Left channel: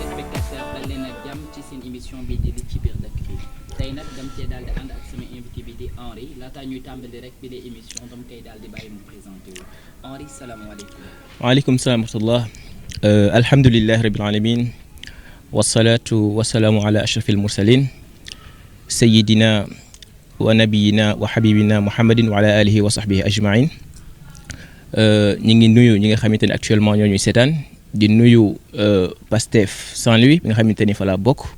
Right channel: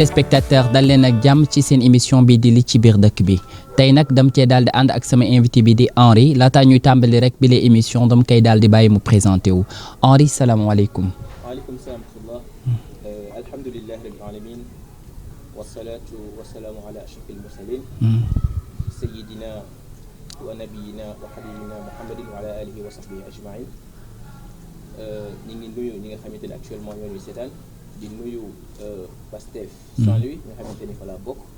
téléspectateurs dal leen ak jàmm ci seen émission bi di li ci biir dëkk bi tey nag dam cee daal di ànd ak sama invité bi di Henri laataa ñuy tàmbali rek bi la émission dam koy daal di bàyyi mu présenté wu Henri salaamaaleykum. waaleykum salaam wa rahmatullah. alhamdulilah rabil alamin wasalaatu wasalaamu ala ashrafil mursalin sayidina wa nabiyina wa habibina muhammadin wa ala alihi wa sahbihi ajmain. ñi ngi nuyu ñi nga xamante ne actuellement ñoo ñuy seetaan di nuyu Pastef Saint-Louis bi nga xamante ni fa laa bokk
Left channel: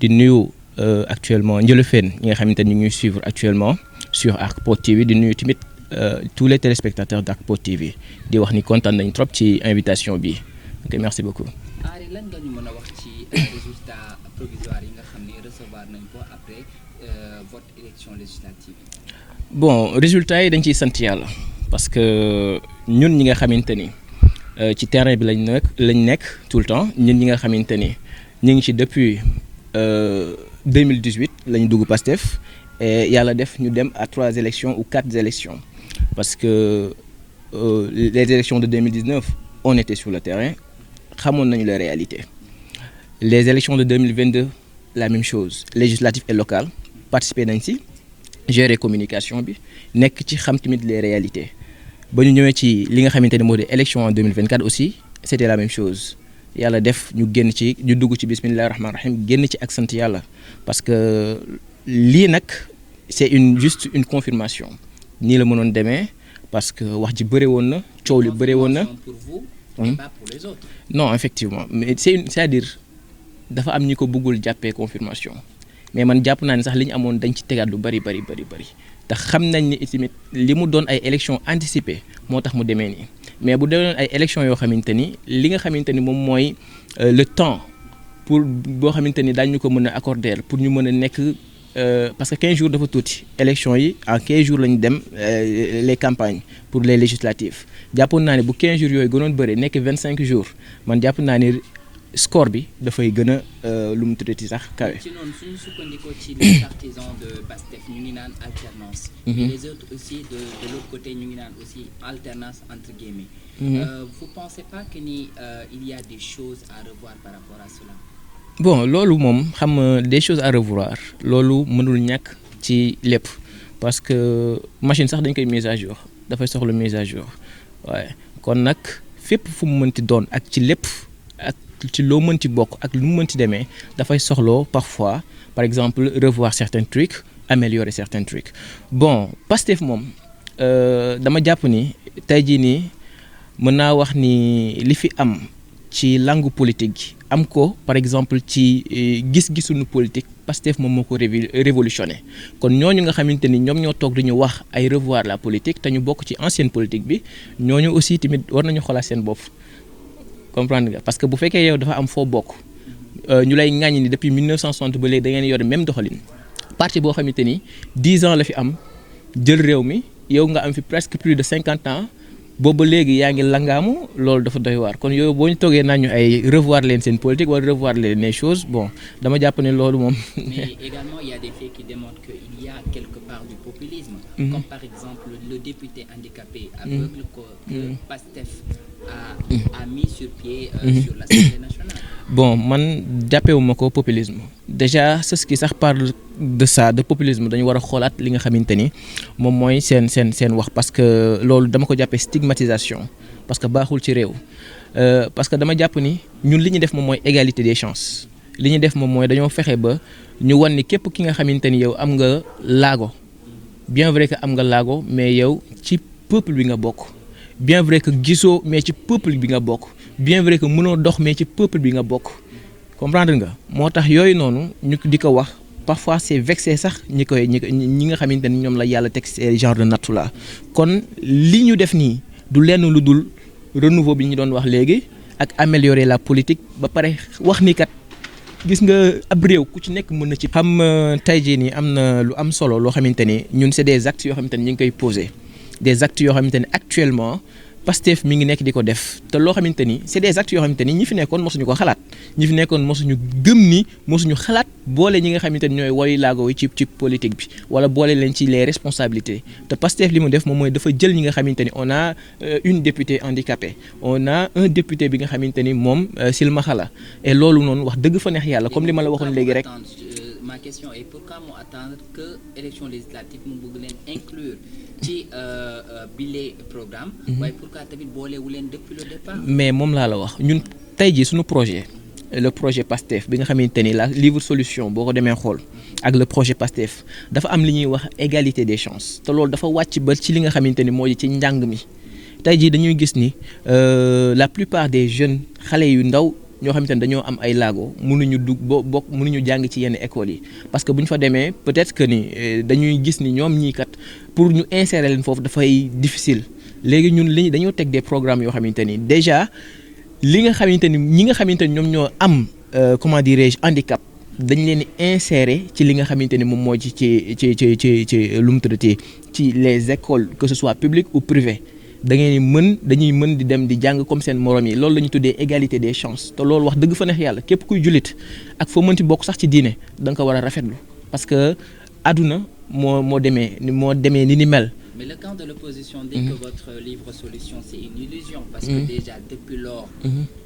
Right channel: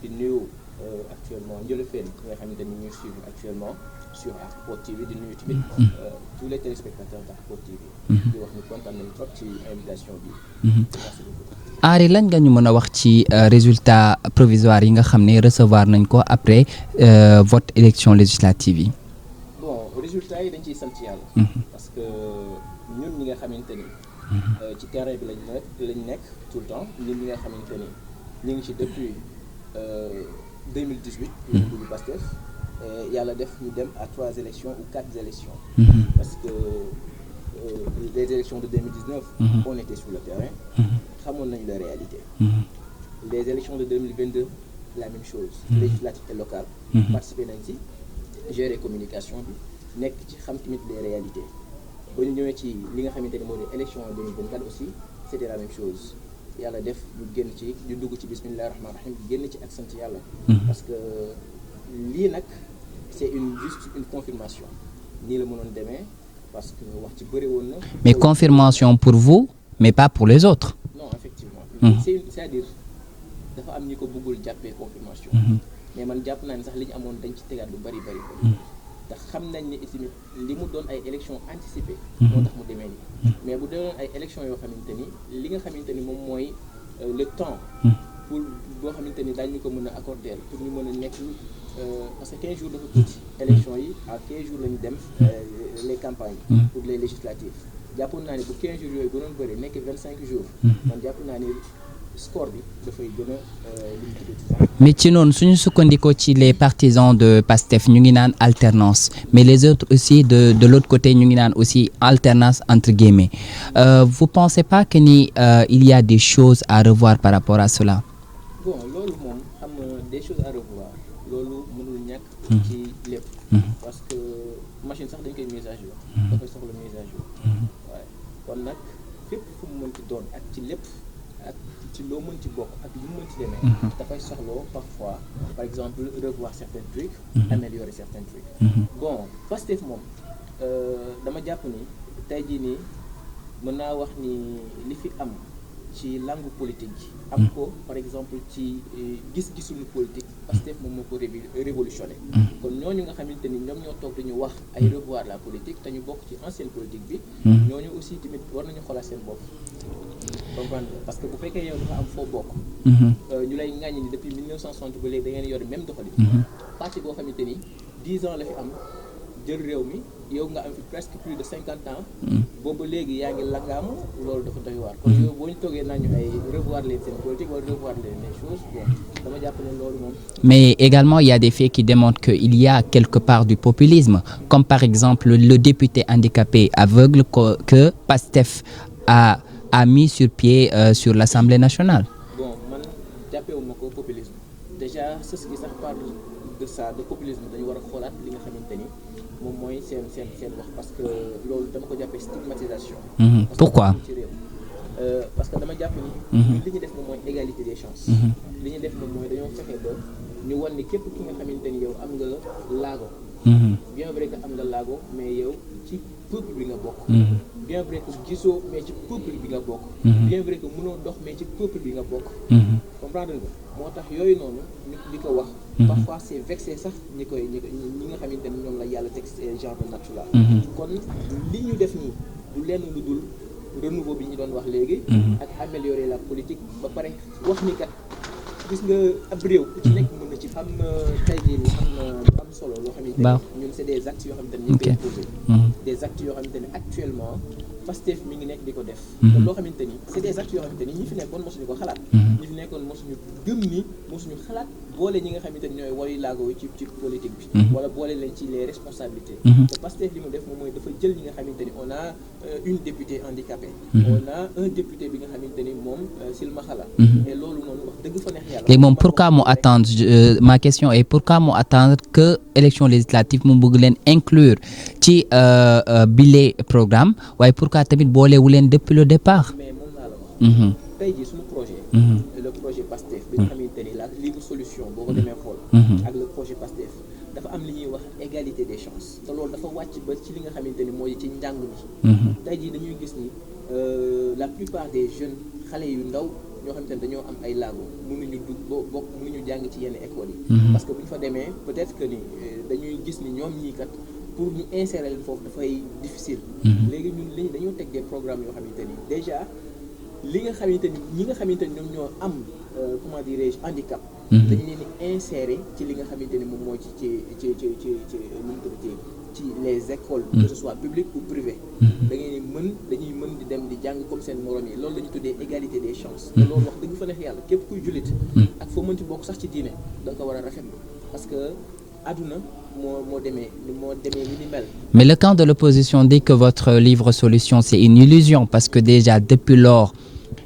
di nuyu actuellement Njëlofeen ñi nga xamante ni ñu ngi suivre actuellement sur ArcPod TV di nuyu tamit tous les téléspectateurs d'ArcPod TV. di wax ni kontaan nañ trop ci invitation bi. Merci beaucoup. Henri lan nga ñu mën a wax ci résultat provisoire yi nga xam ne recevoir nañ ko après vote élection législative yi. Bon résultat yi dañ ciy sant yàlla. parce que ñun ñi nga xamante ni ci terrain bi lañ nekk tout le temps ñun ñi nga xamante ni ñu ngi ci depuis 2018 lañ dugg Pastef et yàlla def ñu dem à 3 élections ou 4 élections. parce que les élections de 2019. On était sur le terrain. xamoon nañu les réalités. les élections de 2022 la même chose. législatives et locales. participer nañ ci. gérer communication bi nekk ci xam tamit les réalités ba ñu ñëwee ci li nga xamante ne moo di élection en 2024 aussi c'était la même chose yàlla def ñu génn ci ñu dugg ci bismillahi rahmaani rahim génn ci ak sant yàlla. parce que lii nag c'est juste une confirmation nii la mënoon demee parce que wax ji bëri woon na. mais confirmation pour vous mais pas pour les autres. non effectivement. mais c'est-à-dire dafa am ñi ko bëggul jàppee confirmation. mais man jàpp naa ne sax li ñu amoon dañ ci tegaat lu bari te xam nañ ni tamit li mu doon ay élections anticipées. moo tax mu demee nii. mais bu doon ay élections yoo xamante ni li nga xamante ni moom mooy le temps. pour boo xamante ni daañu ko mën a accorder pour ñu mën a nekk parce que 15 jours dafa tuuti. élections yi en 15 jours lañu dem les campagnes. pour les législatives jàppoon naa ne bu 15 jours yooyu gënoon bëri nekk 25 jours. man jàpp naa ne. score bi dafay gën a lu mu tuddati sax. mais ci noonu suñu sukkandikoo ci les partisans de Pastef ñu ngi naan alternance. mais les autres aussi de l'autre côté ñu ngi naan aussi alternance entre guillemets. Vous pensez pas que ni il y a des choses à revoir par rapport à cela. bon loolu moom xam nga des choses à revoir loolu mënul ñàkk. ci lépp. parce que machine sax dañ koy mise à jour. dafay soxla mise à jour. waaye kon nag fépp fu mu mënti doon ak ci lépp ak. ci loo mën ci bokk ak lu mu mën ci demee dafay soxloo parfois par exemple revoir certains trucs améliorer certains trucs bon Pastef moom dama jàpp ni tey jii nii mën naa wax ni li fi am ci langue politique gi am ko par exemple ci gis-gisuñu politique Pastef moom moo ko révolutionné kon ñooñu nga xamante ni ñoom ñoo toog dañu wax ay revoir la politique te ñu bokk ci ancienne politique bi ñooñu aussi tamit war nañu xoolaat seen bopp comprendre nga parce que bu fekkee yow dafa am foo bokk. ñu lay ŋàññi ni depuis 1960 ba léegi da ngeen yore même doxalin. parti boo xamante ni 10 ans la fi am jël réew mi yow nga am fi presque plus de 50 ans. boobu ba léegi yaa ngi langaamu loolu dafa doy waar kon yow boo ñu toogee naa ñu ay revoir leen seen politique wala revoir leen les choses bon dama jàpp ne loolu moom. mais également il y a des faits qui démontrent que il y a quelque part du populisme. comme par exemple le député handicapé aveugle que Pastef a mis sur pied sur l'Assemblée nationale. bon man jàppewuma ko populisme déjà ceux qui sax parlent de ça de populisme dañu war a xoolaat li nga xamante ni moom mooy seen wax parce que loolu dama ko jàppee stigmatisation. parce que baaxul ci réew. parce que dama jàpp ni. ñun li ñu def moom mooy égalité des chances. li ñu def moom mooy dañoo fexe ba ñu wan ni képp ki nga xamante ni yow am nga laago. bien vrai que am nga laago mais yow ci. peuple bi nga bokk. bien vrai que gisoo mais ci peuple bi nga bokk. bien vrai que mënoo dox mais ci peuple bi nga bokk. comprendre nga moo tax yooyu noonu ñu di ko wax. parfois c'est vexé sax ñi nga xamante ni ñoom la yàlla teg ces genre de nattu la kon li ñu def nii du lenn lu dul renouveau bi ñu doon wax léegi. ak améliorer la politique ba pare wax ni kat. gis nga ab réew ku ci nekk mën na ci xam tey jii nii am na lu am solo loo xamante ni ñun c'est des actes yoo xamante ni ñu ngi koy poser des actes yoo xamante ni actuellement Pastef mi ngi nekk di ko def. te loo xamante ni c'est des actes yoo xamante ni ñi fi nekkoon mosuñu ko xalaat. ñi fi nekkoon mosuñu gëm ni mosuñu xalaat boole ñi nga xamante ni ñooy woy laago yi ci politique bi. wala boole leen ci les responsabilités. te Pastef li mu def moom mooy dafa jël ñi nga xamante ni on a une députée handicapée. on a un député bi nga xamante ni moom silmaxa la. et loolu noonu wax dëgg fa neex yàlla. comme li ma la waxoon léegi rek attendre ma question est pourquoi mu attendre que élection législative mu bëgg leen inclure ci bile programme. waaye pourquoi tamit boolewu leen depuis le départ. mais moom laa la wax. ñun tey jii suñu projet. le projet PASTEF bi nga xamante ni la livre solution boo ko demee xool. ak le projet PASTEF dafa am li ñuy wax égalité des chances te loolu dafa wàcc ba ci li nga xamante ni mooy ci njàng mi. tey jii dañuy gis ni la plupart des jeunes xale yu ndaw. ñoo xamante ne dañoo am ay laago mënuñu bokk mënuñu jàng ci yenn écoles yi. parce que bu ñu fa demee peut-être que ni dañuy gis ni ñoom ñii kat pour ñu insérer leen foofu dafay difficile. léegi ñun dañoo teg des programmes yoo xamante ni déjà li nga xamante ni ñi nga xamante ni ñoom ñoo am comment dirais-je handicap. dañ leen di insérer ci li nga xamante ni moom moo ci lu mu tuddati ci les écoles. que ce soit public ou privé. dañuy mën di dem di jàng comme seen morom yi loolu la ñu tuddee égalité des chances. te loolu wax dëgg fa neex yàlla képp kuy jullit. ak foo mënti bokk sax ci diine da nga ko war a rafetlu parce que àdduna moo demee ni mel. Mais le camp de l'opposition dit que votre livre solution c'est une illusion parce que déjà depuis lors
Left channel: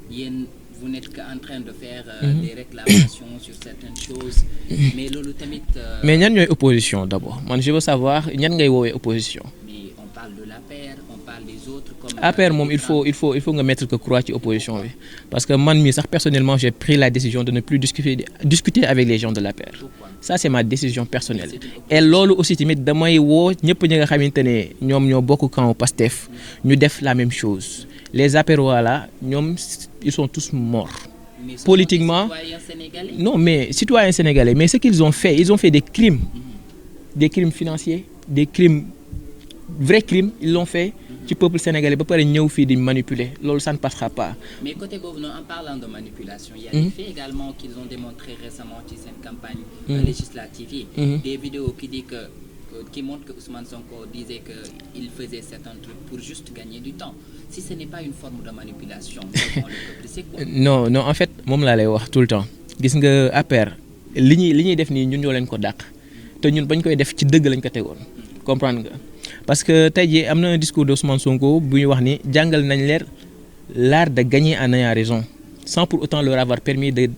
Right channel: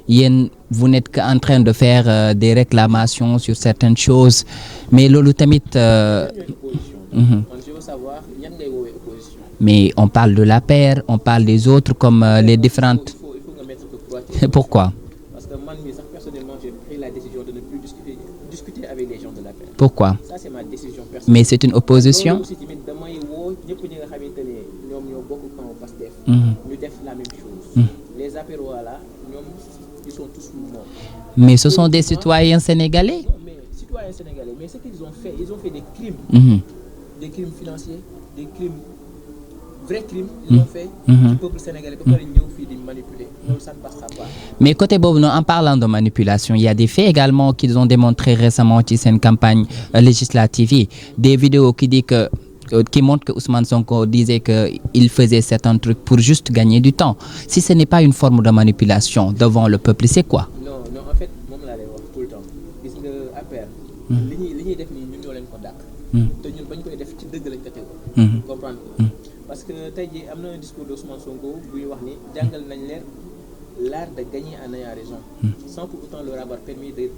yéen vous n'êtes qu'en train de faire des réclamations sur certaines choses mais loolu tamit mais ñan ñooy opposition d'abord man je veux savoir ñan ngay woowee opposition. Mais on parle de l'APR on parle des autres comme les différentes. il faut nga mettre que croix ci opposition. Pourquoi? Parce que man mii sax personnellement j'ai pris la décision de ne plus discuter avec les gens de l'APR. Pourquoi? Ça c'est ma décision personnelle. Mais c'est une opposition. et loolu aussi tamit damay woo ñëpp ñi nga xamante ne ñoom ñoo bokk camp Pastef. ñu def la même chose. les apérois là ñoom ils sont tous morts. Mais ce sont des citoyens sénégalais. Non mais citoyens sénégalais mais ce qu'ils ont fait ils ont fait des crimes. Des crimes financiers des crimes vrais crimes ils l'ont fait. ci peuple sénégalais ba pare ñëw fii di manipuler loolu ça ne passera pas. Mais côté boobu noonu en parlant de manipulation il y a des faits également qu'ils ont démontré récemment ci seen campagne législative yi. Des vidéos qui montre que Ousmane Sonko disait qu'il faisait certains trucs pour juste gagner du temps. Si ce n'est pas une forme de manipulation devant le peuple, c'est quoi? Non en fait moom laa lay wax tout le temps gis nga APR li ñuy def nii ñun ñoo leen ko dàq. te ñun bañ koy def ci dëgg lañ ko tegoon. comprendre nga. parce que tey jii am na un discours de Ousmane Sonko bu ñu wax ni jàngal nañ leer l'art de gagner en ayant raison. sans pour autant leur avoir permis de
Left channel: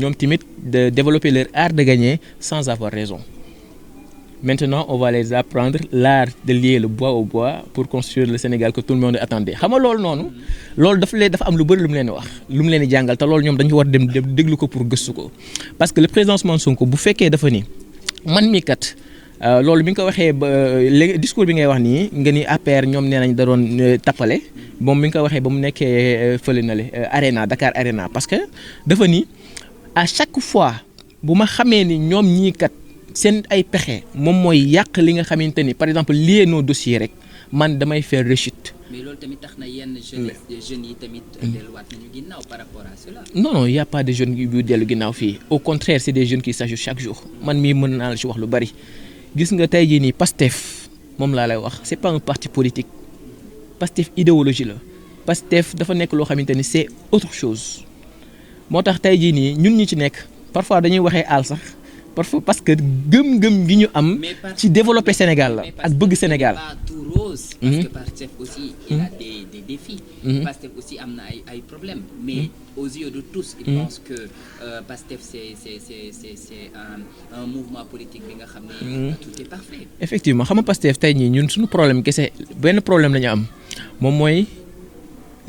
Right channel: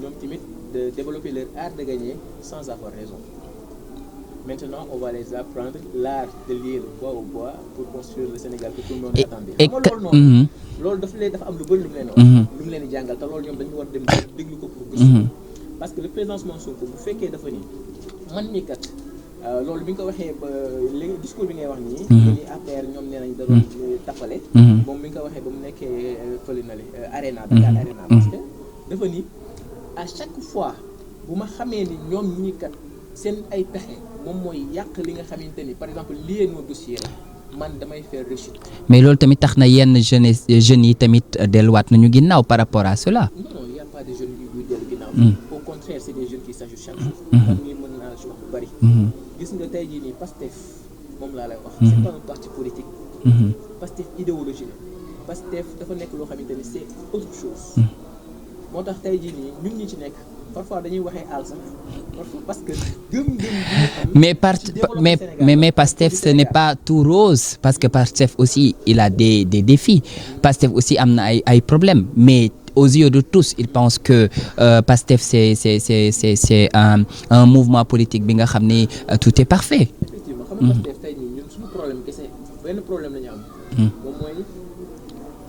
ñoom tamit de développer leur art de gagner sans avoir raison. Maintenant, on va les apprendre l'art de lier le bois au bois pour construire le Sénégal que tout le monde attendait. xam nga loolu noonu. loolu dafa am lu bëri lu mu leen di wax. lu mu leen di jàngal te loolu ñoom dañu war dem déglu ko pour gëstu ko. parce que le président Ousmane Sonko bu fekkee dafa ni man mii kat loolu bi nga ko waxee ba léegi discours bi ngay wax nii. nga ni APR ñoom nee nañ da doon tappale. moom bi nga ko waxee ba mu nekkee fële na le Arena Dakar Arena. parce que dafa ni à chaque fois bu ma xamee ni ñoom ñii kat. seen ay pexe moom mooy yàq li nga xamante ni par exemple lié nos dossiers rek man damay faire rechute. mais loolu tamit tax na yenn jeunes yi tamit delluwaat nañu ginnaaw par rapport à cela. non il y a pas de jeunes yu dellu ginnaaw fii. au contraire c'est des jeunes qui s'ajoutent chaque jour. man mii mën naa la ci wax lu bari. gis nga tey jii nii Pastef moom laa lay wax. c'est pas un parti politique. Pastef idéologie la. Pastef dafa nekk loo xamante ni c'est autre chose. moo tax tey jii nii ñun ñi ci nekk parfois dañuy waxee aal sax. parce que gëm-gëm gi ñu am. ci développer Sénégal mais Pastef ce n'est pas tout rose. parce que Pastef aussi il a des défis. Pastef aussi am na ay problèmes mais aux yeux de tous ils pensent que Pastef c'est un mouvement politique bi nga xam ne tout est parfait. effectivement xam nga Pastef tey ñii ñun suñu problème kese benn problème la ñu am. moom mooy.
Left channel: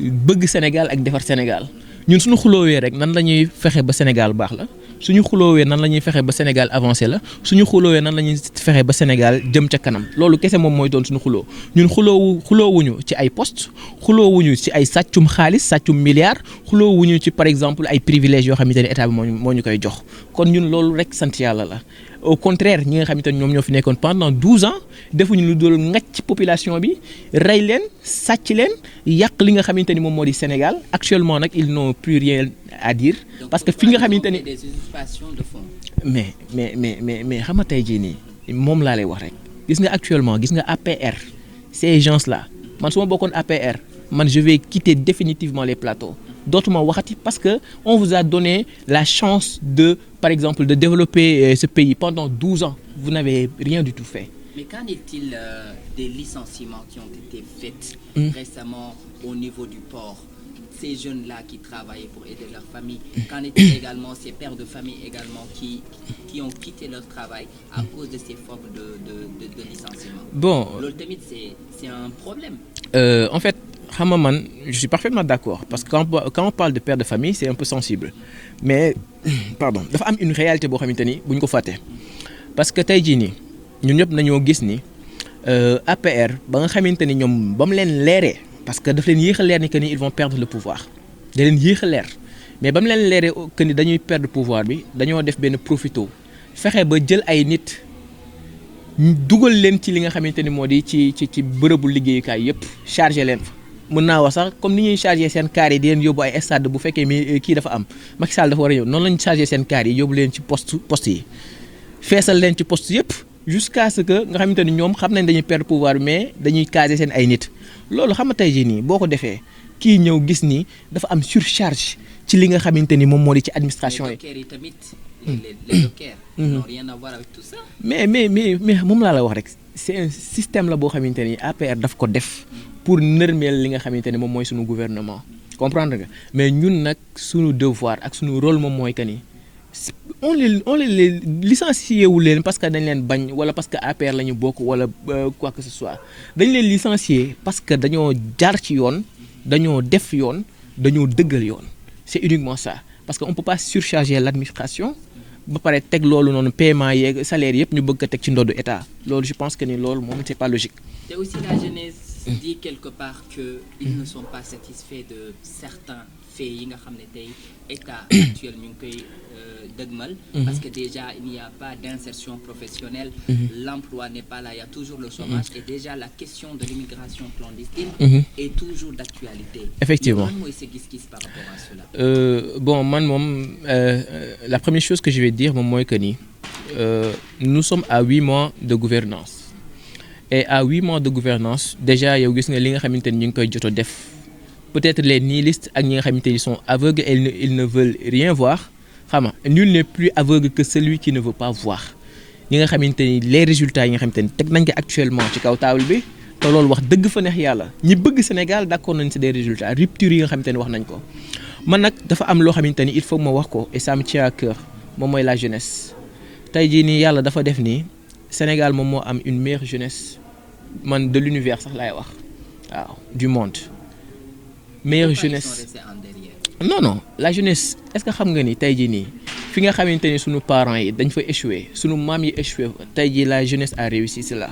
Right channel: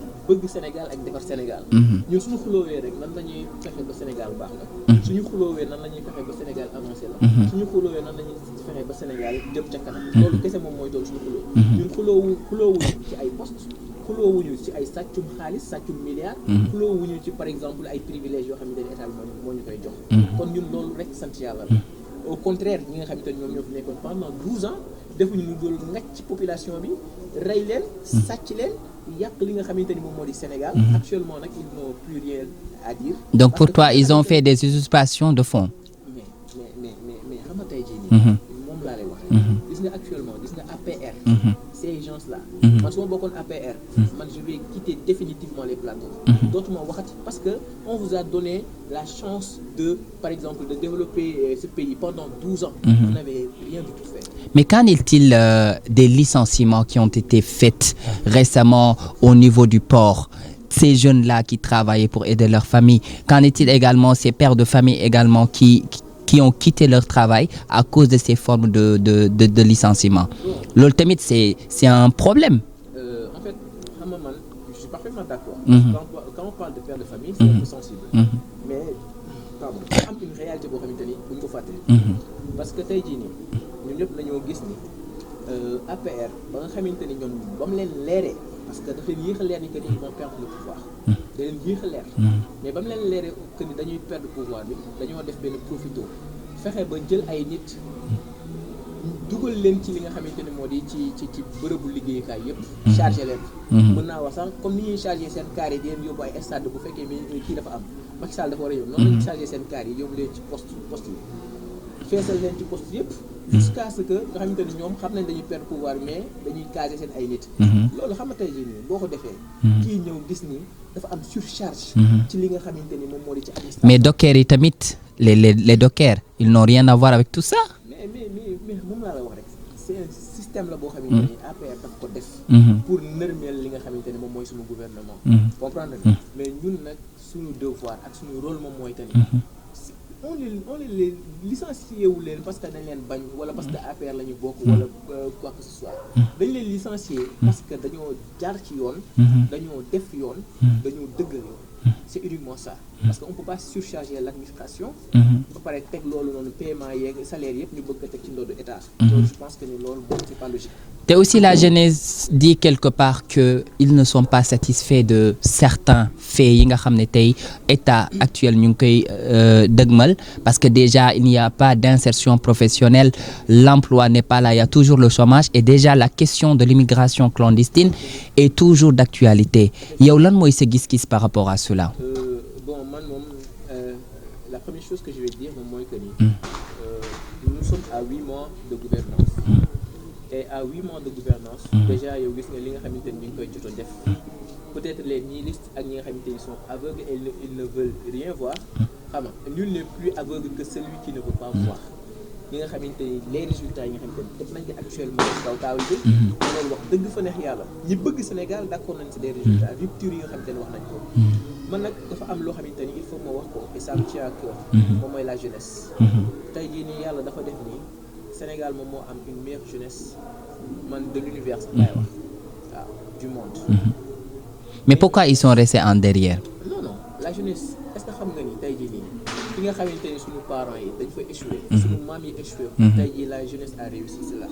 bëgg Sénégal ak defar Sénégal. ñun suñu xuloowee rek nan la ñuy fexe ba Sénégal baax la. suñu xuloowee nan la ñuy fexe ba Sénégal avancé la. suñu xuloowee nan la ñuy fexe ba Sénégal jëm ca kanam. loolu kese moom mooy doon suñu xuloo. ñun xuloowuñu ci ay poste xuloowuñu ci ay sàccum xaalis sàccum milliards. xuloowuñu ci par exemple ay privilèges yoo xamante ne état bi moo ñu koy jox. kon ñun loolu rek sant yàlla la. au contraire ñi nga xamante ne ñoom ñoo fi nekkoon pendant 12 ans defuñu lu dul ngacc population bi rey leen sàcc leen yàq li nga xamante ni moom moo di Sénégal. Actuellement nag ils n'ont plus rien à dire. Donc pour toi ils ont fait des usurpations de fonds. mais xam nga tey jii nii. moom laa lay wax rek. gis nga actuellement gis nga APR. ces gens là. man su ma bokkoon APR. man je vais quitter définitivement les plateaux. dootuma waxati parce que on vous a donné la chance de par exemple de développer ce pays pendant 12 ans. Vous n'avez rien du tout fait. Mais qu'en est-il des licenciements qui ont été faits récemment au niveau du port? Ces jeunes-là qui travaillaient pour aider leur famille. Qu'en est-il également ces pères de famille également qui ont quitté leur travail à cause de ces formes de licenciement? Bon, loolu tamit c'est un problème. En fait, xam nga man je suis parfaitement d'accord. Parce que quand on parle de père de famille, c'est un peu sensible. Mais pardon, dafa am une réalité boo xamante ni bu ñu ko fàtte. Parce que tey jii nii ñun ñëpp nañoo gis ni APR ba nga xamante ni ñoom ba mu leen leeree. Parce que daf leen yéex a leer ni que ni ils vont perdre le pouvoir. da leen yéex a leer. mais ba mu leen leeree que ni dañuy perdre pouvoir bi dañoo def benn profito fexe ba jël ay nit dugal leen ci li nga xamante ni moo di ci bërëbu liggéeyukaay yëpp. chargé leen fa. mën naa wax sax comme ni ñuy chargé seen kaar yi di leen yóbbu ay stade bu fekkee mi kii dafa am Macky Sall dafa war a ñëw noonu lañu chargé seen kaar yi yóbbu leen ci poste yi feesal leen ci poste yëpp. jusqu'à ce que nga xamante ni ñoom xam nañ dañuy perdre pouvoir mais dañuy caser seen ay nit. loolu xam nga tey jii nii boo ko defee. kii ñëw gis ni dafa am surcharge. ci li nga xamante ni moom moo di ci administration. mais dockers yi tamit les dockers. ils n'ont rien à voir avec tout ça. mais moom laa la wax rek c'est un système la boo xamante ni APR daf ko def. pour nërmeel li nga xamante ni moom mooy suñu gouvernement. comprendre nga mais ñun nag suñu devoir ak suñu rôle moom mooy que ni. on les licencié wu leen parce que dañ leen bañ wala parce que APR la ñu bokk wala quoi que ce soit dañ leen licencié parce que dañoo jaar ci yoon dañoo def yoon dañoo dëggal yoon c'est uniquement ça parce que on peut pas surcharger l'administration ba pare teg loolu noonu paiement yeeg salaire yëpp ñu bëgg ko teg ci ndoddu état loolu je pense que ni loolu moom c'est pas logique. te aussi la jeunesse dit quelque part que ils ne sont pas satisfaits de certains faits yi nga xam ne tey état actuel ñu ngi koy dëgmal parce que déjà il n'y a pas d'insertion professionnelle l'emploi n'est pas là il y a toujours le chômage et déjà la question de l'immigration clandestine est toujours d'actualité. Effectivement. yow lan mooy sa gis-gis par rapport à cela? Bon man moom la première chose que je vais dire moom mooy que ni nous sommes à 8 mois de gouvernance et à 8 mois de gouvernance déjà yow gis nga li nga xamante ni ñu ngi koy jot a def peut-être les nihilistes ak ñi nga xamante ni sont aveugles et ils ne veulent rien voir xam nga nul n'est plus aveugle que celui qui ne veut pas voir ñi nga xamante ni les résultats yi nga xamante ni teg nañ ko actuellement ci kaw table bi te loolu wax dëgg fa neex yàlla ñi bëgg Sénégal d'accord nañ ci des résultats rupture yi nga xamante ni wax nañ ko man nag dafa am loo xamante ni il faut ma wax ko et ça me tient à cœur moom mooy la jeunesse tey jii nii yàlla dafa def nii Sénégal moom moo am une meilleure jeunesse man de l'univers sax laay wax waaw du monde. mais pourquoi ils sont restés en derrière? non la jeunesse est-ce que xam nga ni tey jii nii fi nga xamante ni sunu parents yi dañ fa échoué. sunu maam yi échoué. tey jii la jeunesse a réussi cela.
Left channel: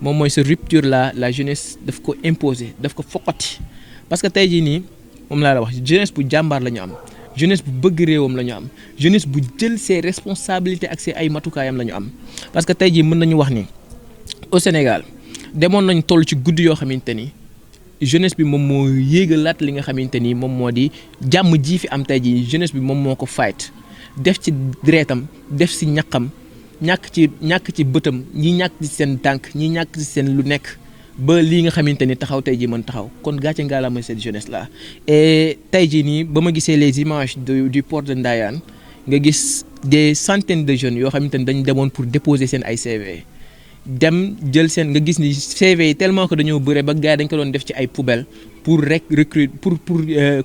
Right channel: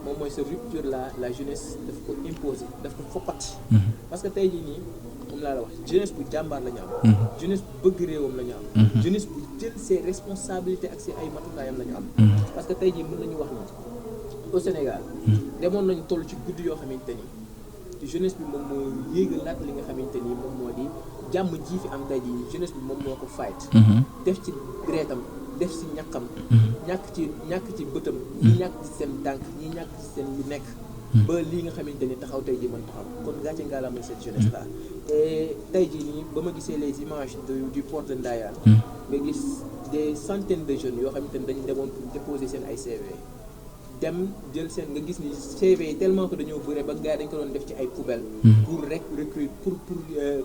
moom mooy cette rupture là la jeunesse daf ko imposer daf ko foqati. parce que tey jii nii moom laa la wax jeunesse bu jàmbaar la ñu am. jeunesse bu bëgg réewam la ñu am. jeunesse bu jël ses responsabilités ak ses ay matukaayam la ñu am. parce que tey jii mën nañu wax ni au Sénégal demoon nañ toll ci guddi yoo xamante ni jeunesse bi moom moo yéegalaat li nga xamante ni moom moo di jàmm ji fi am tey jii jeunesse bi moom moo ko fight def ci deretam def ci ñaqam ñàkk ci bëtam ñi ñàkk ci seen tànk ñi ñàkk ci seen lu nekk ba lii nga xamante ni taxaw tey jii mën taxaw kon gàcce ngaalaama cette jeunesse là et tey jii nii ba ma gisee les images du port de Ndayane nga gis des centaines de jeunes yoo xamante ni dañu demoon pour déposer seen ay CV dem jël seen nga gis ni CV yi tellement que dañoo bëre ba gars yi dañ ko doon def ci ay poubelles pour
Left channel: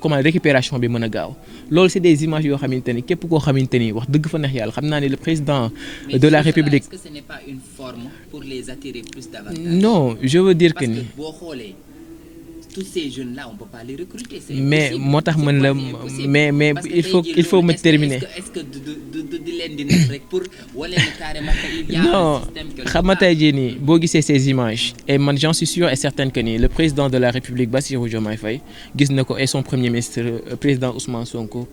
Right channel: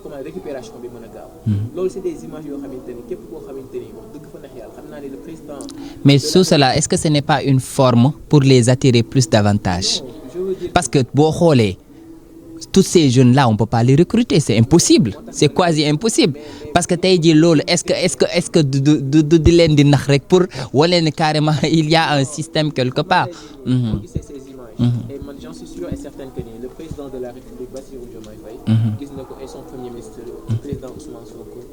comment récupération bi mën a gaaw loolu c'est des images yoo xamante ni képp koo xamante ni wax dëgg fa neex yàlla xam naa ne le président mais de la sur cela République... est-ce que ce n'est pas une forme pour les attirer plus davantage? Non, je veux dire parce que boo xoolee tous ces jeunes là on peut pas les recruter c'est impossible c'est quasi impossible parce que tey jii loolu est-ce que du di leen di nax rek pour wane ne carrément il y a un système quelque part. xam nga tey jii nii boo gisee ces images et man j'en suis sûr et certain que ni le président de la République Bassirou Diomaye Faye gis na ko et son premier ministre président Ousmane Sonko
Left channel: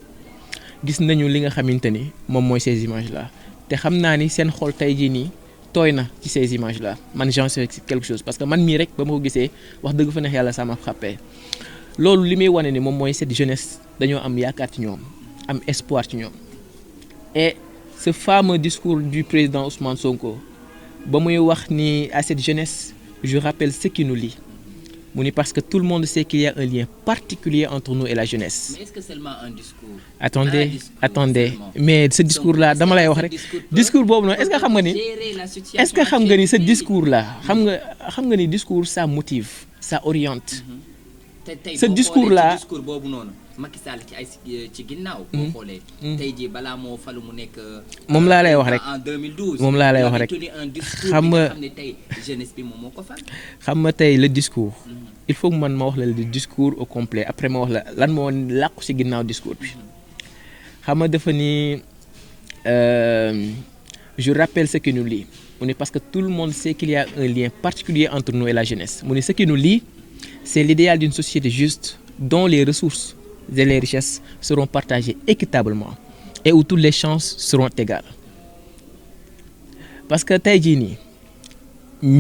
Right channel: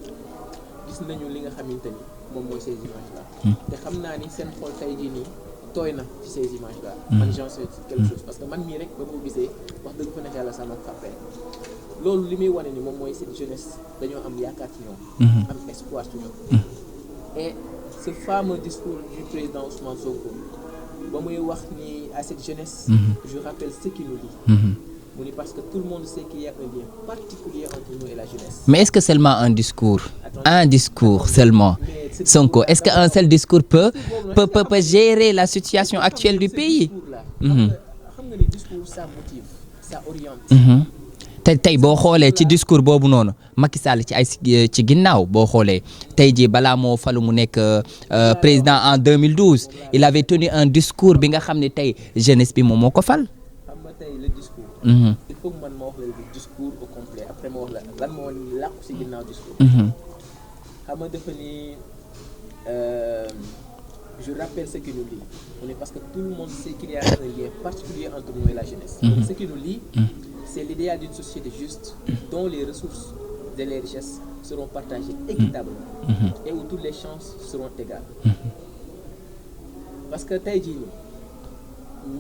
gis nañu li nga xamante ni moom mooy ces images là te xam naa ni seen xol tey jii nii tooy na ci ces images là man j'en sais quelque chose parce que man mii rek ba ma ko gisee wax dëgg fa neex yàlla ça m'a frappé loolu li muy wane ni moom mooy cette jeunesse dañoo am yaakaar ci ñoom am espoir ci ñoom et ce fameux discours du président Ousmane Sonko ba muy wax ni à cette jeunesse je rappelle ce qui nous lie mu ni parce que tout le monde sait qu'il y a un lien particulier entre nous et la jeunesse. Mais est-ce que seulement un discours? Attendez, seulement. Mais ce discours-là, est-ce qu'un seul discours peut gérer la situation actuelle du pays? Est-ce que xam nga ni ce discours-là xam nga ni discours ça motive, ça oriente. tey boo xoolee ci discours boobu noonu Macky Sall ci ginnaaw boo xoolee tey jii balaa moo falu mu nekk président en 2012 il avait tenu un discours bi nga xam ne tey jeunesse bi moom moo ko fal. xam nga tey le discours il faut que man ma wax la le discours au complet après ma wax la lan moo làqu ci ginnaaw discours bi xam nga dafa ni je rappelle ce qui nous lie mu ne parce que tout le monde sait qu'il y a un lien particulier entre nous et la jeunesse mu ne ce qui nous lie c'est l'idéal d'une société juste dont les ressources et les richesses seront partagées équitablement et où toutes les chances seront égales parce que tey jii nii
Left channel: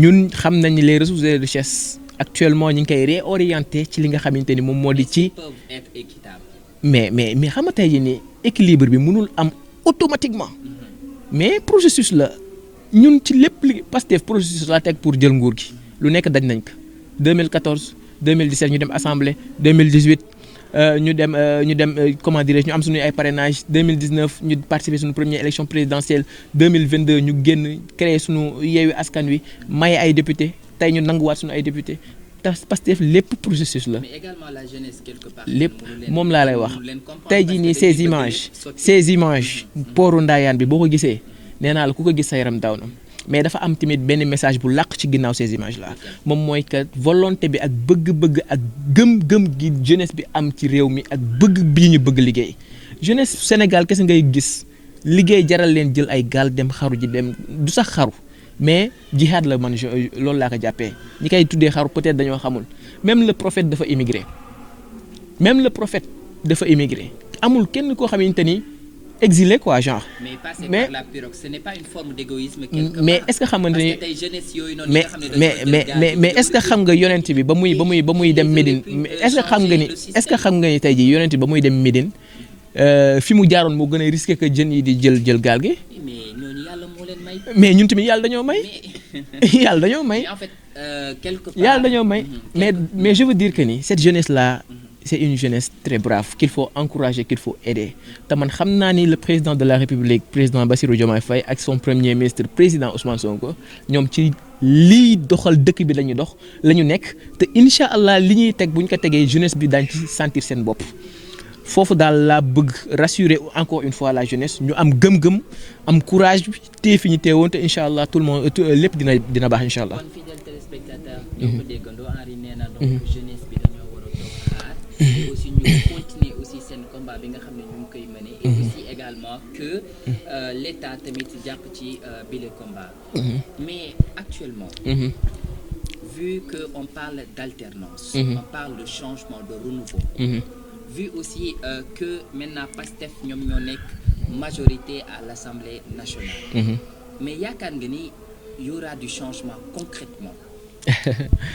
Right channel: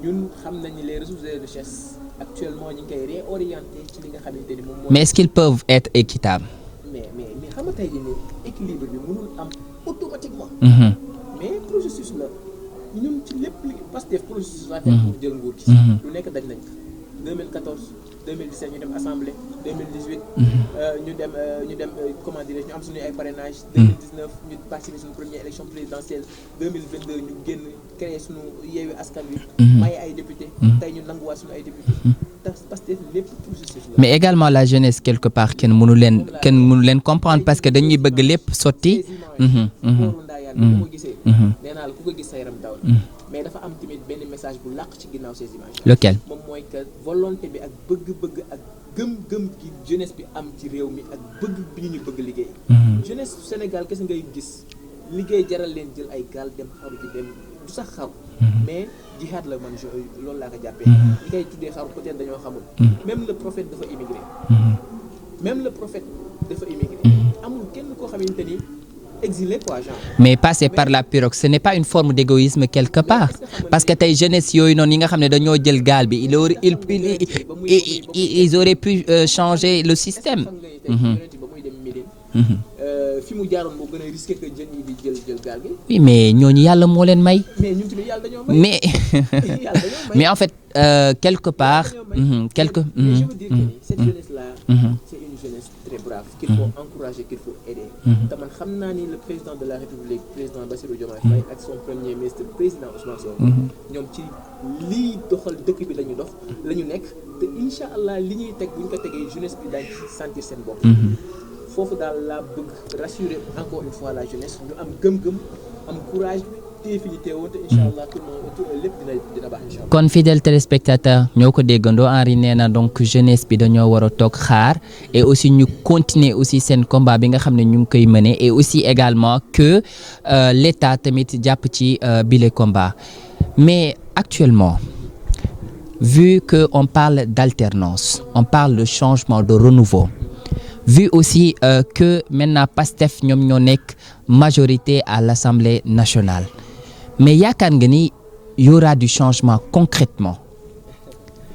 ñun xam nañ ni les ressources et les richesses actuellement ñu ngi koy réorienter ci li nga xamante ni moom moo. mais est-ce qu'ils peuvent être équitables. mais xam nga tey jii nii équilibre bi mënul am automatiquement. mais processus la ñun ci lépp li Pastef processus la teg pour jël nguur gi. lu nekk daj nañ ko 2014 2017 ñu dem assemblée 2018. ñu dem comment dirais-je ñu am suñu ay parrainage 2019 ñu participer suñu première élection présidentielle 2022 ñu génn créer suñu Yewwi Askan Wi. maye ay député tey ñu nanguwaat suñu ay député Pastef lépp processus la. mais également la jeunesse quelque part kenn mënu leen comprendre parce que dañuy bëgg lépp sotti. ces images pooru Ndayane bi boo ko gisee. nee naa la ku ko gis sa yaram daw na. mais dafa am tamit benn message bu làq ci ginnaaw ces images là. lequel moom mooy que volonté bi ak bëgg ak gëm-gëm gi jeunesse bi am ci réew mi ak bëgg bi ñu bëgg liggéey. jeunesse Sénégal kese ngay gis liggéey jaral leen jël ay gaal dem xaru ji dem du sax xaru. mais jihad la man loolu laa ko jàppee. ñi koy tuddee xaru peut-être dañoo xamul. même le prophète dafa immigré. amul kenn koo xamante ni exilé quoi genre. mais passer par la pirogue ce n'est pas une forme d'égoïsme quelque part. mais est-ce que xam nga parce que tey jeunesse yooyu noonu ñi nga xam ne dañoo jël gaal gi. mais est-ce que xam nga yonent bi ba muy dem ils auraient pu changer le système. est-ce que xam nga ni tey jii yonent bi ba muy dem Médine. fi mu jaaroon moo gën a risqué que jën yi di jël gaal gi. oui mais ñooñu yàlla moo leen may. mais ñun tamit yàlla dañoo may. mais yàlla dañoo may. mais en fait quelque part. yàlla dañoo may. mais je veux dire que ni cette jeunesse là. c'est une jeunesse très brave qu'il faut encourager qu'il faut aider. te man xam naa ni le président de la République président Bassirou Diomaye Faye ak son premier ministre président Ousmane Sonko. ñoom ci lii doxal dëkk bi la ñu dox la ñu nekk te incha allah li ñuy teg bu ñu ko tegee jeunesse bi daañu ci sentir seen bopp. foofu daal laa bëgg rassurer encore une fois la jeunesse ñu am gëm-gëm am courage téye fi ñu teewoon te incha allah tout le monde lépp dina baax incha allah. kon fidèle téléspectateur ñoo ko déggandoo Henri nee na donc jeunesse bi dañoo war a toog xaar. et aussi ñu continuer aussi seen combat bi nga xam ne ñu ngi koy mener et aussi également que l'État tamit jàpp ci bile combat. mais actuellement. vu que on parle d'alternance. on parle de changement de renouveau. vu aussi que maintenant Pastef ñoom ñoo nekk majorité à l'Assemblée nationale. mais yaakaar nga ni y aura du changement concrètement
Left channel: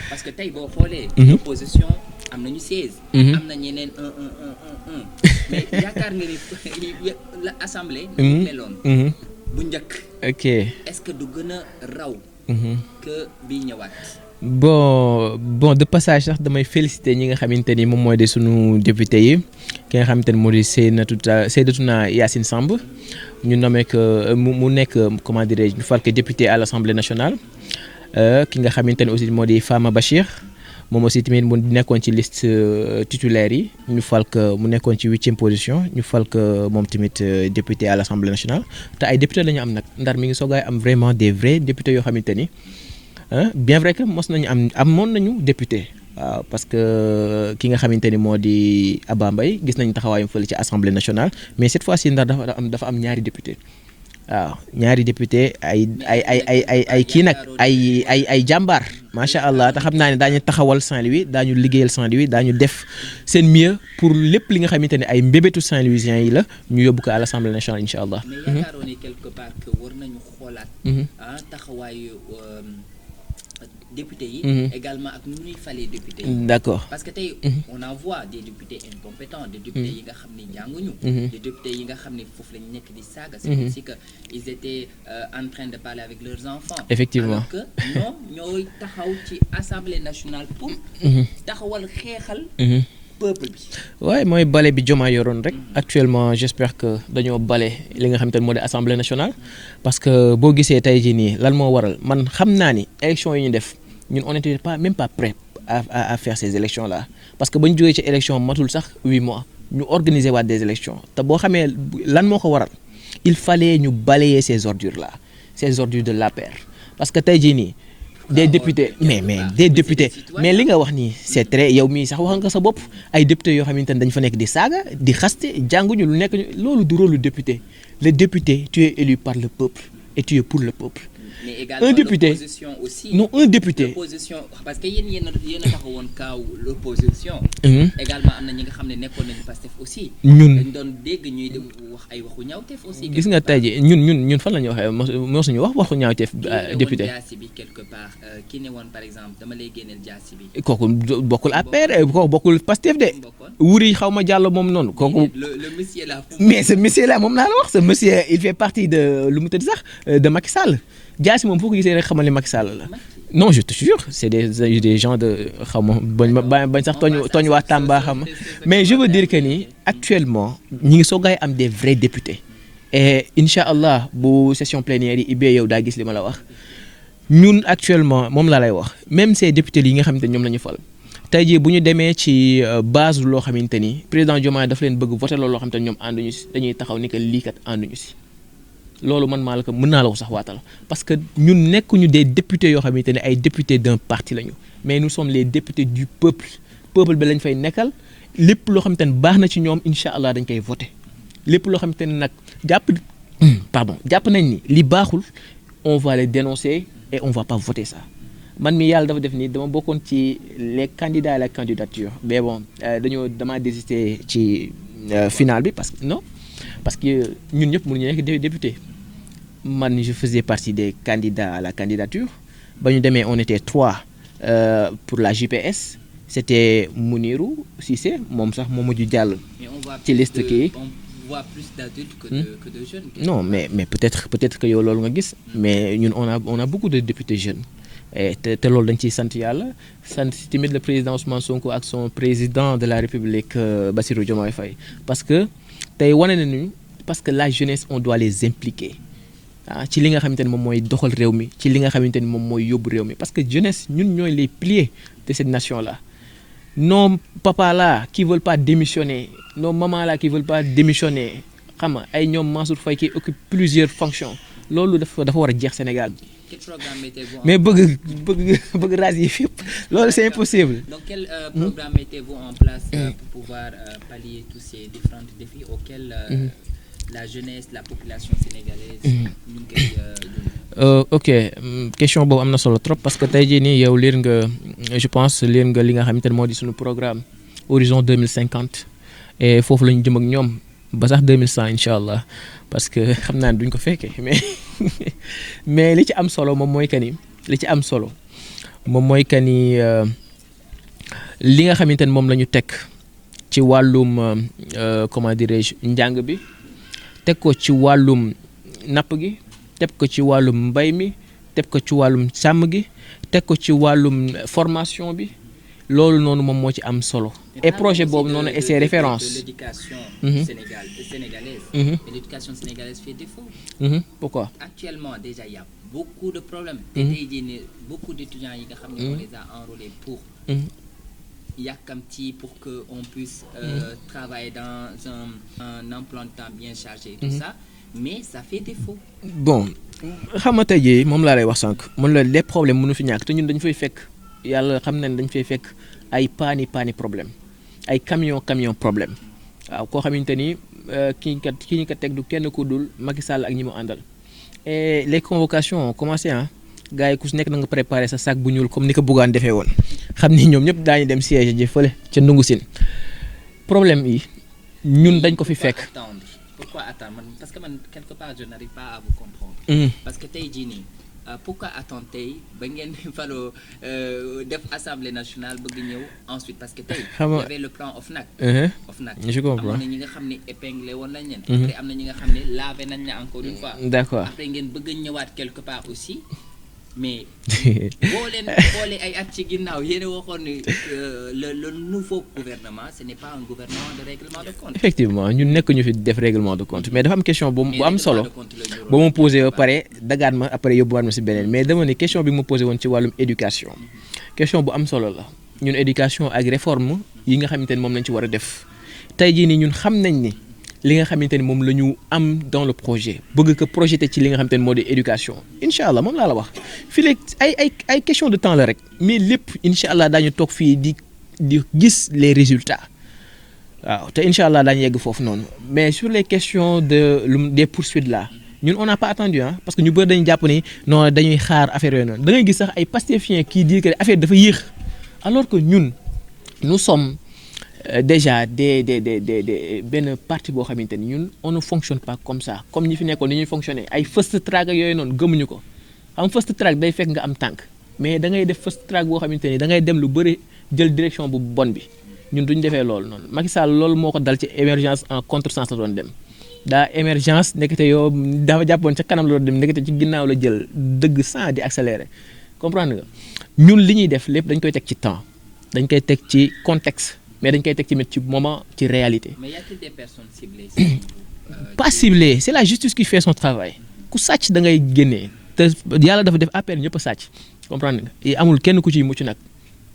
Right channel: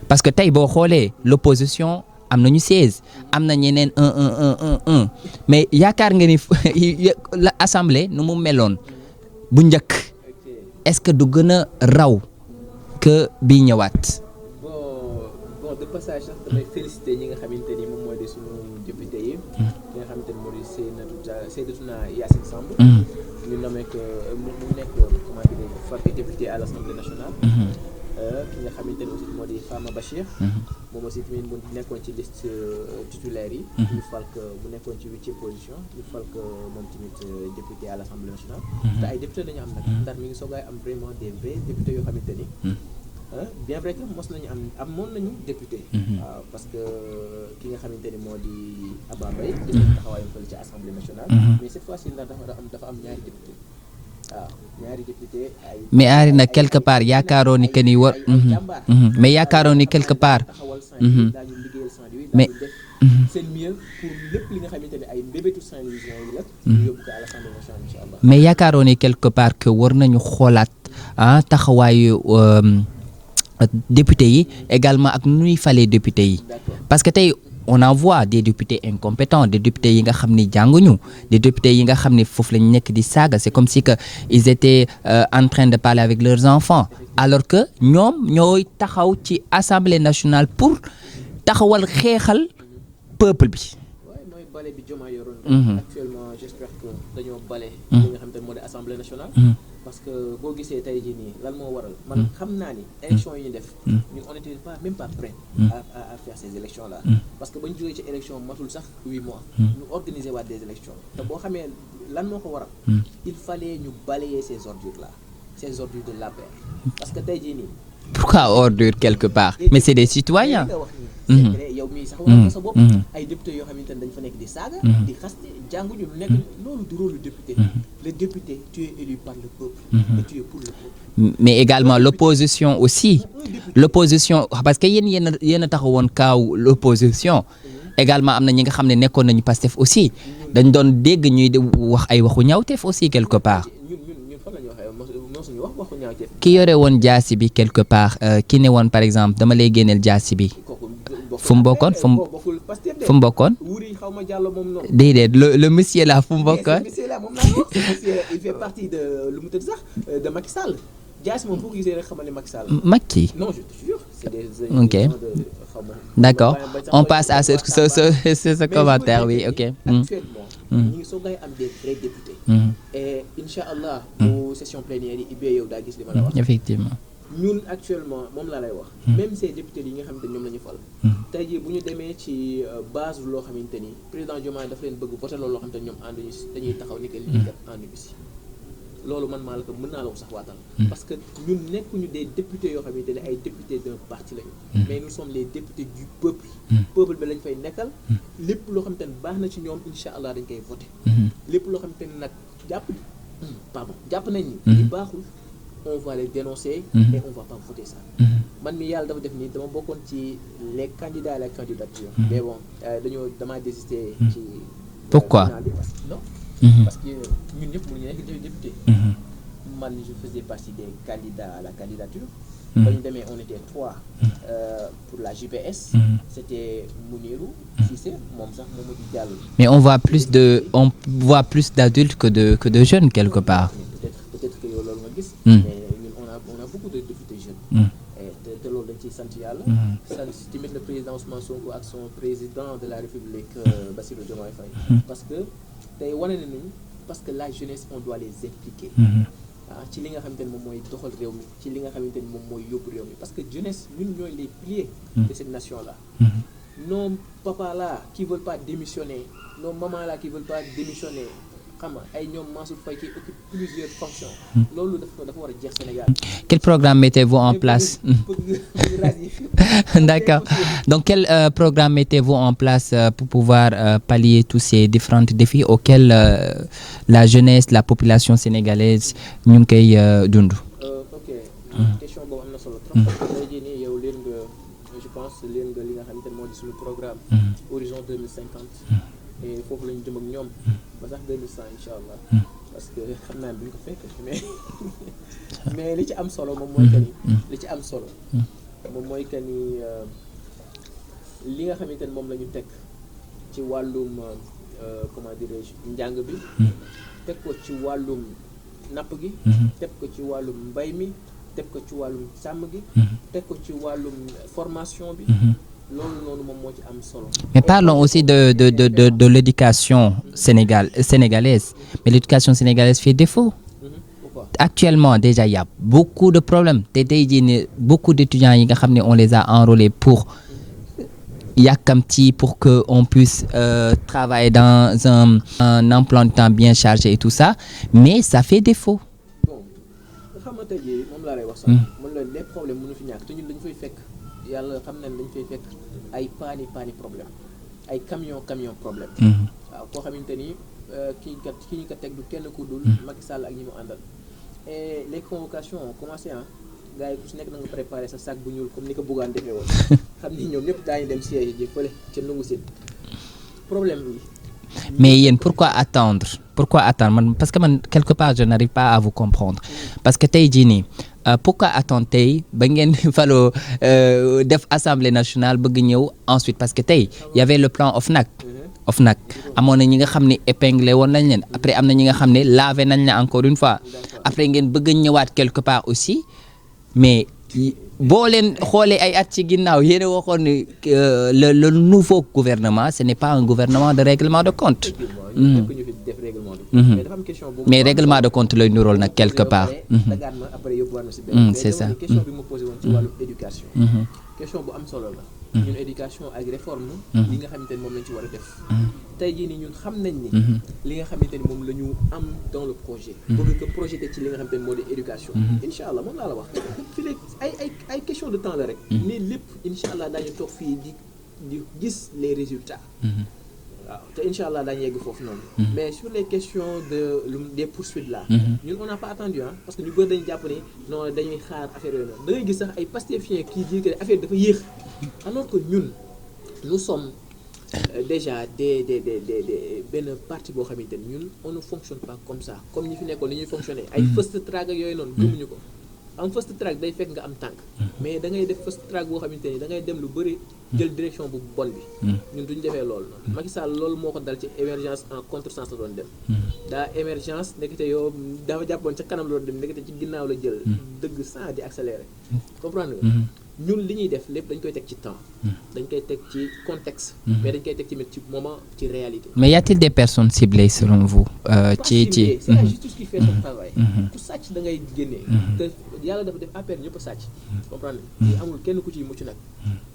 parce que tey boo xoolee. l'opposition am nañu 16. am na ñeneen 1 mais yaakaar nga ni l'Assemblée nu mu meloon. bu njëkk. ok est-ce que du gën a raw. que bii ñëwaat. bon de passage sax damay féliciter ñi nga xamante ni moom mooy de sunu député yi. ki nga xamante ni moo di Seydatuna Yacine Samb. ñu nommé que mu nekk comment dirais-je ñu fal ko député à l'Assemblée nationale. ki nga xamante ni aussi moo di Fama Bachir. moom aussi tamit mu nekkoon ci liste titulaire yi. ñu fal ko mu nekkoon ci 8e position ñu fal ko moom tamit député à l'Assemblée nationale. te ay député la ñu am nag. Ndar mi ngi soogaay am vraiment des vrais députés yoo xamante ni. bien vrai que amoon nañu député. waaw parce que ki nga xamante ni moo di Abba Mbaye gis nañu taxawaayam fële ci Assemblée nationale. mais cette fois-ci Ndar dafa am ñaari député. waaw ñaari député ay. mais ay quelque part yaakaaroon ni que ni ay jàmbaar. mais yaakaaroon ni quelque part daañu taxawal Saint-Louis daañu liggéeyal Saint-Louis daañu def seen mieux pour lépp li nga xamante ne ay mbébétu Saint-Louisiens yi la. ñu yóbbu ko à l'Assemblée nationale incha allah. mais yaakaaroon ni quelque part que war nañu xoolaat. taxawaayu. député yi également ak nu ñuy falee député yi d'accord parce que tey on en voit des députés incompétents des députés yi nga xam ni jànguñu des députés yi nga xam ni foofu lañ nekk di saaga c'est comme si que ils étaient en train de parler avec leurs enfants Effectivement. alors que ñoom ñooy taxaw ci Assemblée nationale pour taxawal xeexal peuple bi waaye mooy bale bi Diomaye yoroon rek actuellement j'espère que dañoo bale li nga xamante ne moo di Assemblée nationale parce que boo gisee tey jii nii lan moo waral man xam naa ni élection yi ñu def ñun on était pas même pas prêt à faire ces élections là parce que ba ñu jógee ci élection matul sax 8 mois ñu organiser waat des élections te boo xamee lan moo ko waral il fallait ñu balayer ces ordures là ces ordures de l'APR parce que tey jii nii pourquoi ordure quelque part mais c'est des citoyens mais li nga wax nii c'est très yow mii sax waxal nga sa bopp ay députés yoo xamante ne dañ fa nekk di saaga di xaste jànguñu lu nekk loolu du rôle du député le député tu es élu par le peuple et tu es pour le peuple mais également l'opposition aussi non un député l'opposition parce que yéen a taxawoon kaaw l'opposition également am na ñi nga xam ne nekkoon nañu Pastef aussi dañ doon dégg ñuy wax ay waxu ñaawteef aussi quelque part ñun fan la ñu waxee moo suñu wax waxu ñaawteef ki yore woon jaasi bi quelque part ki ne woon par exemple dama lay génneel jaasi bi kooku bokkul APR bokkul Pastef de fu mu bokkoon wuri xaw ma jàll moom noonu déedéet le monsieur là fu mu bokkoon mais ce monsieur là moom naa la wax ce monsieur il fait partie de lu mu tëdd sax de Macky Sall jaasi moom foo ko gisee rek xamal ni Macky Sall Macky non je te jure c'est des gens de xaw ma d'accord bañ sax on passe à ce mais je veux dire que ni actuellement ñi ngi soogaay am des vrais députés et incha allah bu session plénière yi ibbee yow daa gis li ma la wax effectivement ñun actuellement moom laa lay wax même ces députés yi nga xamante ni ñoom la ñu fal tey jii bu ñu demee ci base loo xamante ni président Diomaye dafa leen bëgg voter loolu loo xamante ni ñoom ànduñu si dañuy taxaw ni que lii kat ànduñu si loolu man maa la ko mën naa la ko sax waatal parce que ñun nekkuñu des députés yoo xamante ne ay députés d'un parti lañu mais nous sommes les députés du peuple peuple bi lañ fay nekkal lépp loo xamante ne baax na ci ñoom incha allah dañ koy voter lépp loo xamante ne nag jàpp nañ ni li baaxul on va les dénoncer et on va pas voter ça man mi yàlla dafa def ni dama bokkoon ci les candidats à la candidature mais bon damaa désister ci final bi parce que non parce que ñun ñëpp mënuñu nekk député man je faisais partie des candidats à la candidature ba ñu demee on était 3 pour la JPS c'était Mounirou Cissé moom sax moo mujj jàll mais on voit plus d'adultes que de jeunes quelque part mais peut-être que yow loolu nga gis mais ñun on a beaucoup de députés jeunes et te loolu dañ ciy sant yàlla sant tamit le président Ousmane Sonko ak son président de la République Bassirou Diomaye Faye parce que tey wane nañu parce que la jeunesse on doit les impliquer ci li nga xamante ne moom mooy doxal réew mi ci li nga xamante ni moom mooy yóbbu réew mi parce que jeunesse ñun ñooy les piliers de cette nation là nos papas là qui veulent pas démissionner nos mamans là qui veulent pas démissionner xam nga ay ñoom Mansour Faye qui occupe plusieurs fonctions loolu dafa war a jeex Sénégal. Quel programme mettez-vous en place bëgg rasier fépp loolu c'est impossible. Donc quel programme mettez-vous en place pour pouvoir pallier tous ces différents défis auxquels la jeunesse la population sénégalaise ñu ngi koy dund. Ok question boobu am na solo trop parce que tey jii nii yow liir nga je pense liir nga li nga xamante ne moo di suñu programme horizon 2050 et foofu la ñu jëm ak ñoom ba sax 2100 incha allah parce que xam naa ne duñ ko fekkee mais li ci am solo moom mooy que ni li nga xamante ne moom la ñu teg ci wàllum comment dirais-je njàng bi teg ko ci wàllum napp gi teg ko ci wàllum mbay mi teg ko ci wàllum sàmm gi teg ko ci wàllum formation bi loolu noonu moom moo ci am solo. Mais parlons aussi de l'éducation sénégalaise. Mais l'éducation sénégalaise fait défaut. Pourquoi? Actuellement déjà il y a beaucoup de problèmes te tey jii ne beaucoup d'étudiants yi nga xam ne on les a enrôlés pour yàkkamti pour que on puisse travailler dans un emploi de temps bien chargé et tout ça mais ça fait défaut. Bon xam nga tey jii moom laa lay wax sànq. mun la les problèmes mënu fi ñàkk te ñun dañu fay fekk yàlla xam nañ dañu fay fekk ay paani problème ay camion problème. waaw koo xamante ni ki ñu ko teg du kenn ku dul Macky Sall ak ñi mu àndal. et les convocations ont commencé gars yi ku si nekk na nga préparer sa sac bu ñuul comme ni ko Bougane defee woon xam ni ñoom ñëpp daañu dem siège ji fële ca Ndungu Sine problème yi. mais yéen pourquoi attendre man parce que man quelque part je n'arrive pas à vous comprendre. Parce que tey jii nii pourquoi attendre tey ba ngeen faloo def assemblée nationale bëgg ñëw ensuite parce que tey y avait le plan OFNAC amoon na ñi nga xam ne épinglé woon nañ leen après am na ñi nga xam ne lavé nañ la encore une fois après ngeen bëgg ñëwaat quelque part aussi mais boo leen xoolee ay at ci ginnaaw yéen a waxoon ne le nouveau gouvernement ce n'est pas un gouvernement de règlement de compte. effectivement ñun nekk ñu fi def règlement de compte. mais dafa am question bu mu mais règlement de compte la ñu roon nag quelque part pare dagaat ma après yóbbuwaat ma si beneen. mais dama ne question bi mu posé woon ci wàllum éducation. question bu am solo la. ñun éducation ak réforme yi nga xamante ni moom lañ ci war a def. tey jii nii ñun xam nañ ni. li nga xamante ni moom la ñu am dans le projet. bëgg ko projeté ci li nga xamante ni moo di éducation. incha allah moom laa la wax fii léegi ay question de temps la rek. mais lépp incha allah daañu toog fii di gis les résultats. waaw te incha allah daañu yegg foofu noonu. mais sur les questions des poursuites là. ñun on n'a pas attendu parce que ñu bëri dañu jàpp ni non dañuy xaar affaire yooyu noonu da ngay gis sax ay pastefiens qui disent que affaire dafa yéex. alors que ñun nous sommes déjà des benn parti boo xamante ni ñun on ne fonctionne pas comme ça comme ñi fi nekkoon ni ñuy fonctionner ay first track ak yooyu noonu gëmuñu ko. am first track day fekk nga am tànk mais da ngay def first track boo xamante ni da ngay dem lu bëri jël direction bu bon bi ñun duñ defee loolu noonu Macky Sall loolu moo ko dal ci émergence en contresens la doon dem daa émergence nekkate yow dafa jàppoon ca kanam la doon dem nekkate ci ginnaaw la jël dëgg sans di accélérer comprendre nga ñun li ñuy def lépp dañ koy teg ci temps dañ koy teg ci contexte mais dañ koy teg tamit ci moment ci réalité. mais y a-t-il des personnes ciblées selon vous. pas ciblées c'est la justice qui fait son travail. ku sàcc da ngay génnee. te yàlla dafa def appel ñëpp a sàcc. comprendre nga te amul kenn ku ciy mucc nag.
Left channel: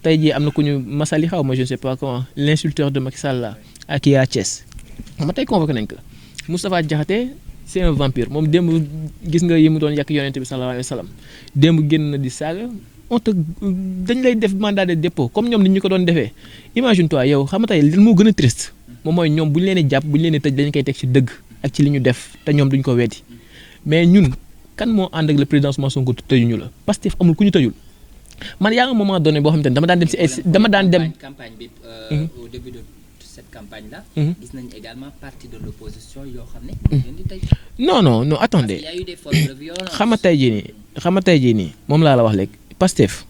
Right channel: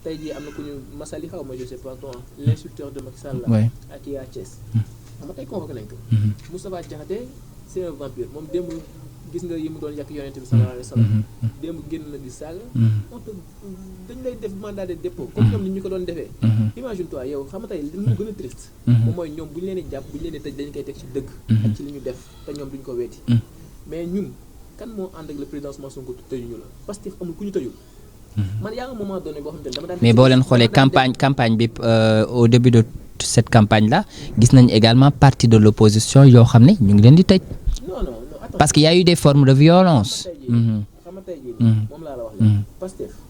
tey jii am na ku ñu masali xaw ma je ne sais pas comment l'insulteur de Macky Sall la. ak kii à Thiès. xam nga tey convoqué nañ ko. Moustapha Diakhaté c'est un vampire moom démb gis nga yi mu doon yàq yonent bi sallallahu alayhi wa sallam démb génn na di saaga on te dañ lay def mandat de dépôt comme ñoom nit ñu ko doon defee imagine toi yow xam nga tey li moo gën a triste moom mooy ñoom bu ñu leen di jàpp bu ñu leen di tëj dañ koy teg ci dëgg ak ci li ñu def te ñoom duñ ko weddi mais ñun kan moo ànd ak le président Ousmane Sonko tëjuñu la Pastef amul ku ñu tëjul man yaa nga moment donné boo xam te ne dama daan dem mais boo leen xoolee campagne bi au début de cette campagne là gis nañ également partie de l'opposition yoo xam ne ñu ngi leen di tëj non attendez parce qu'il y a eu des formes de violence xam nga tey jii nii moom laa la wax léegi Pastef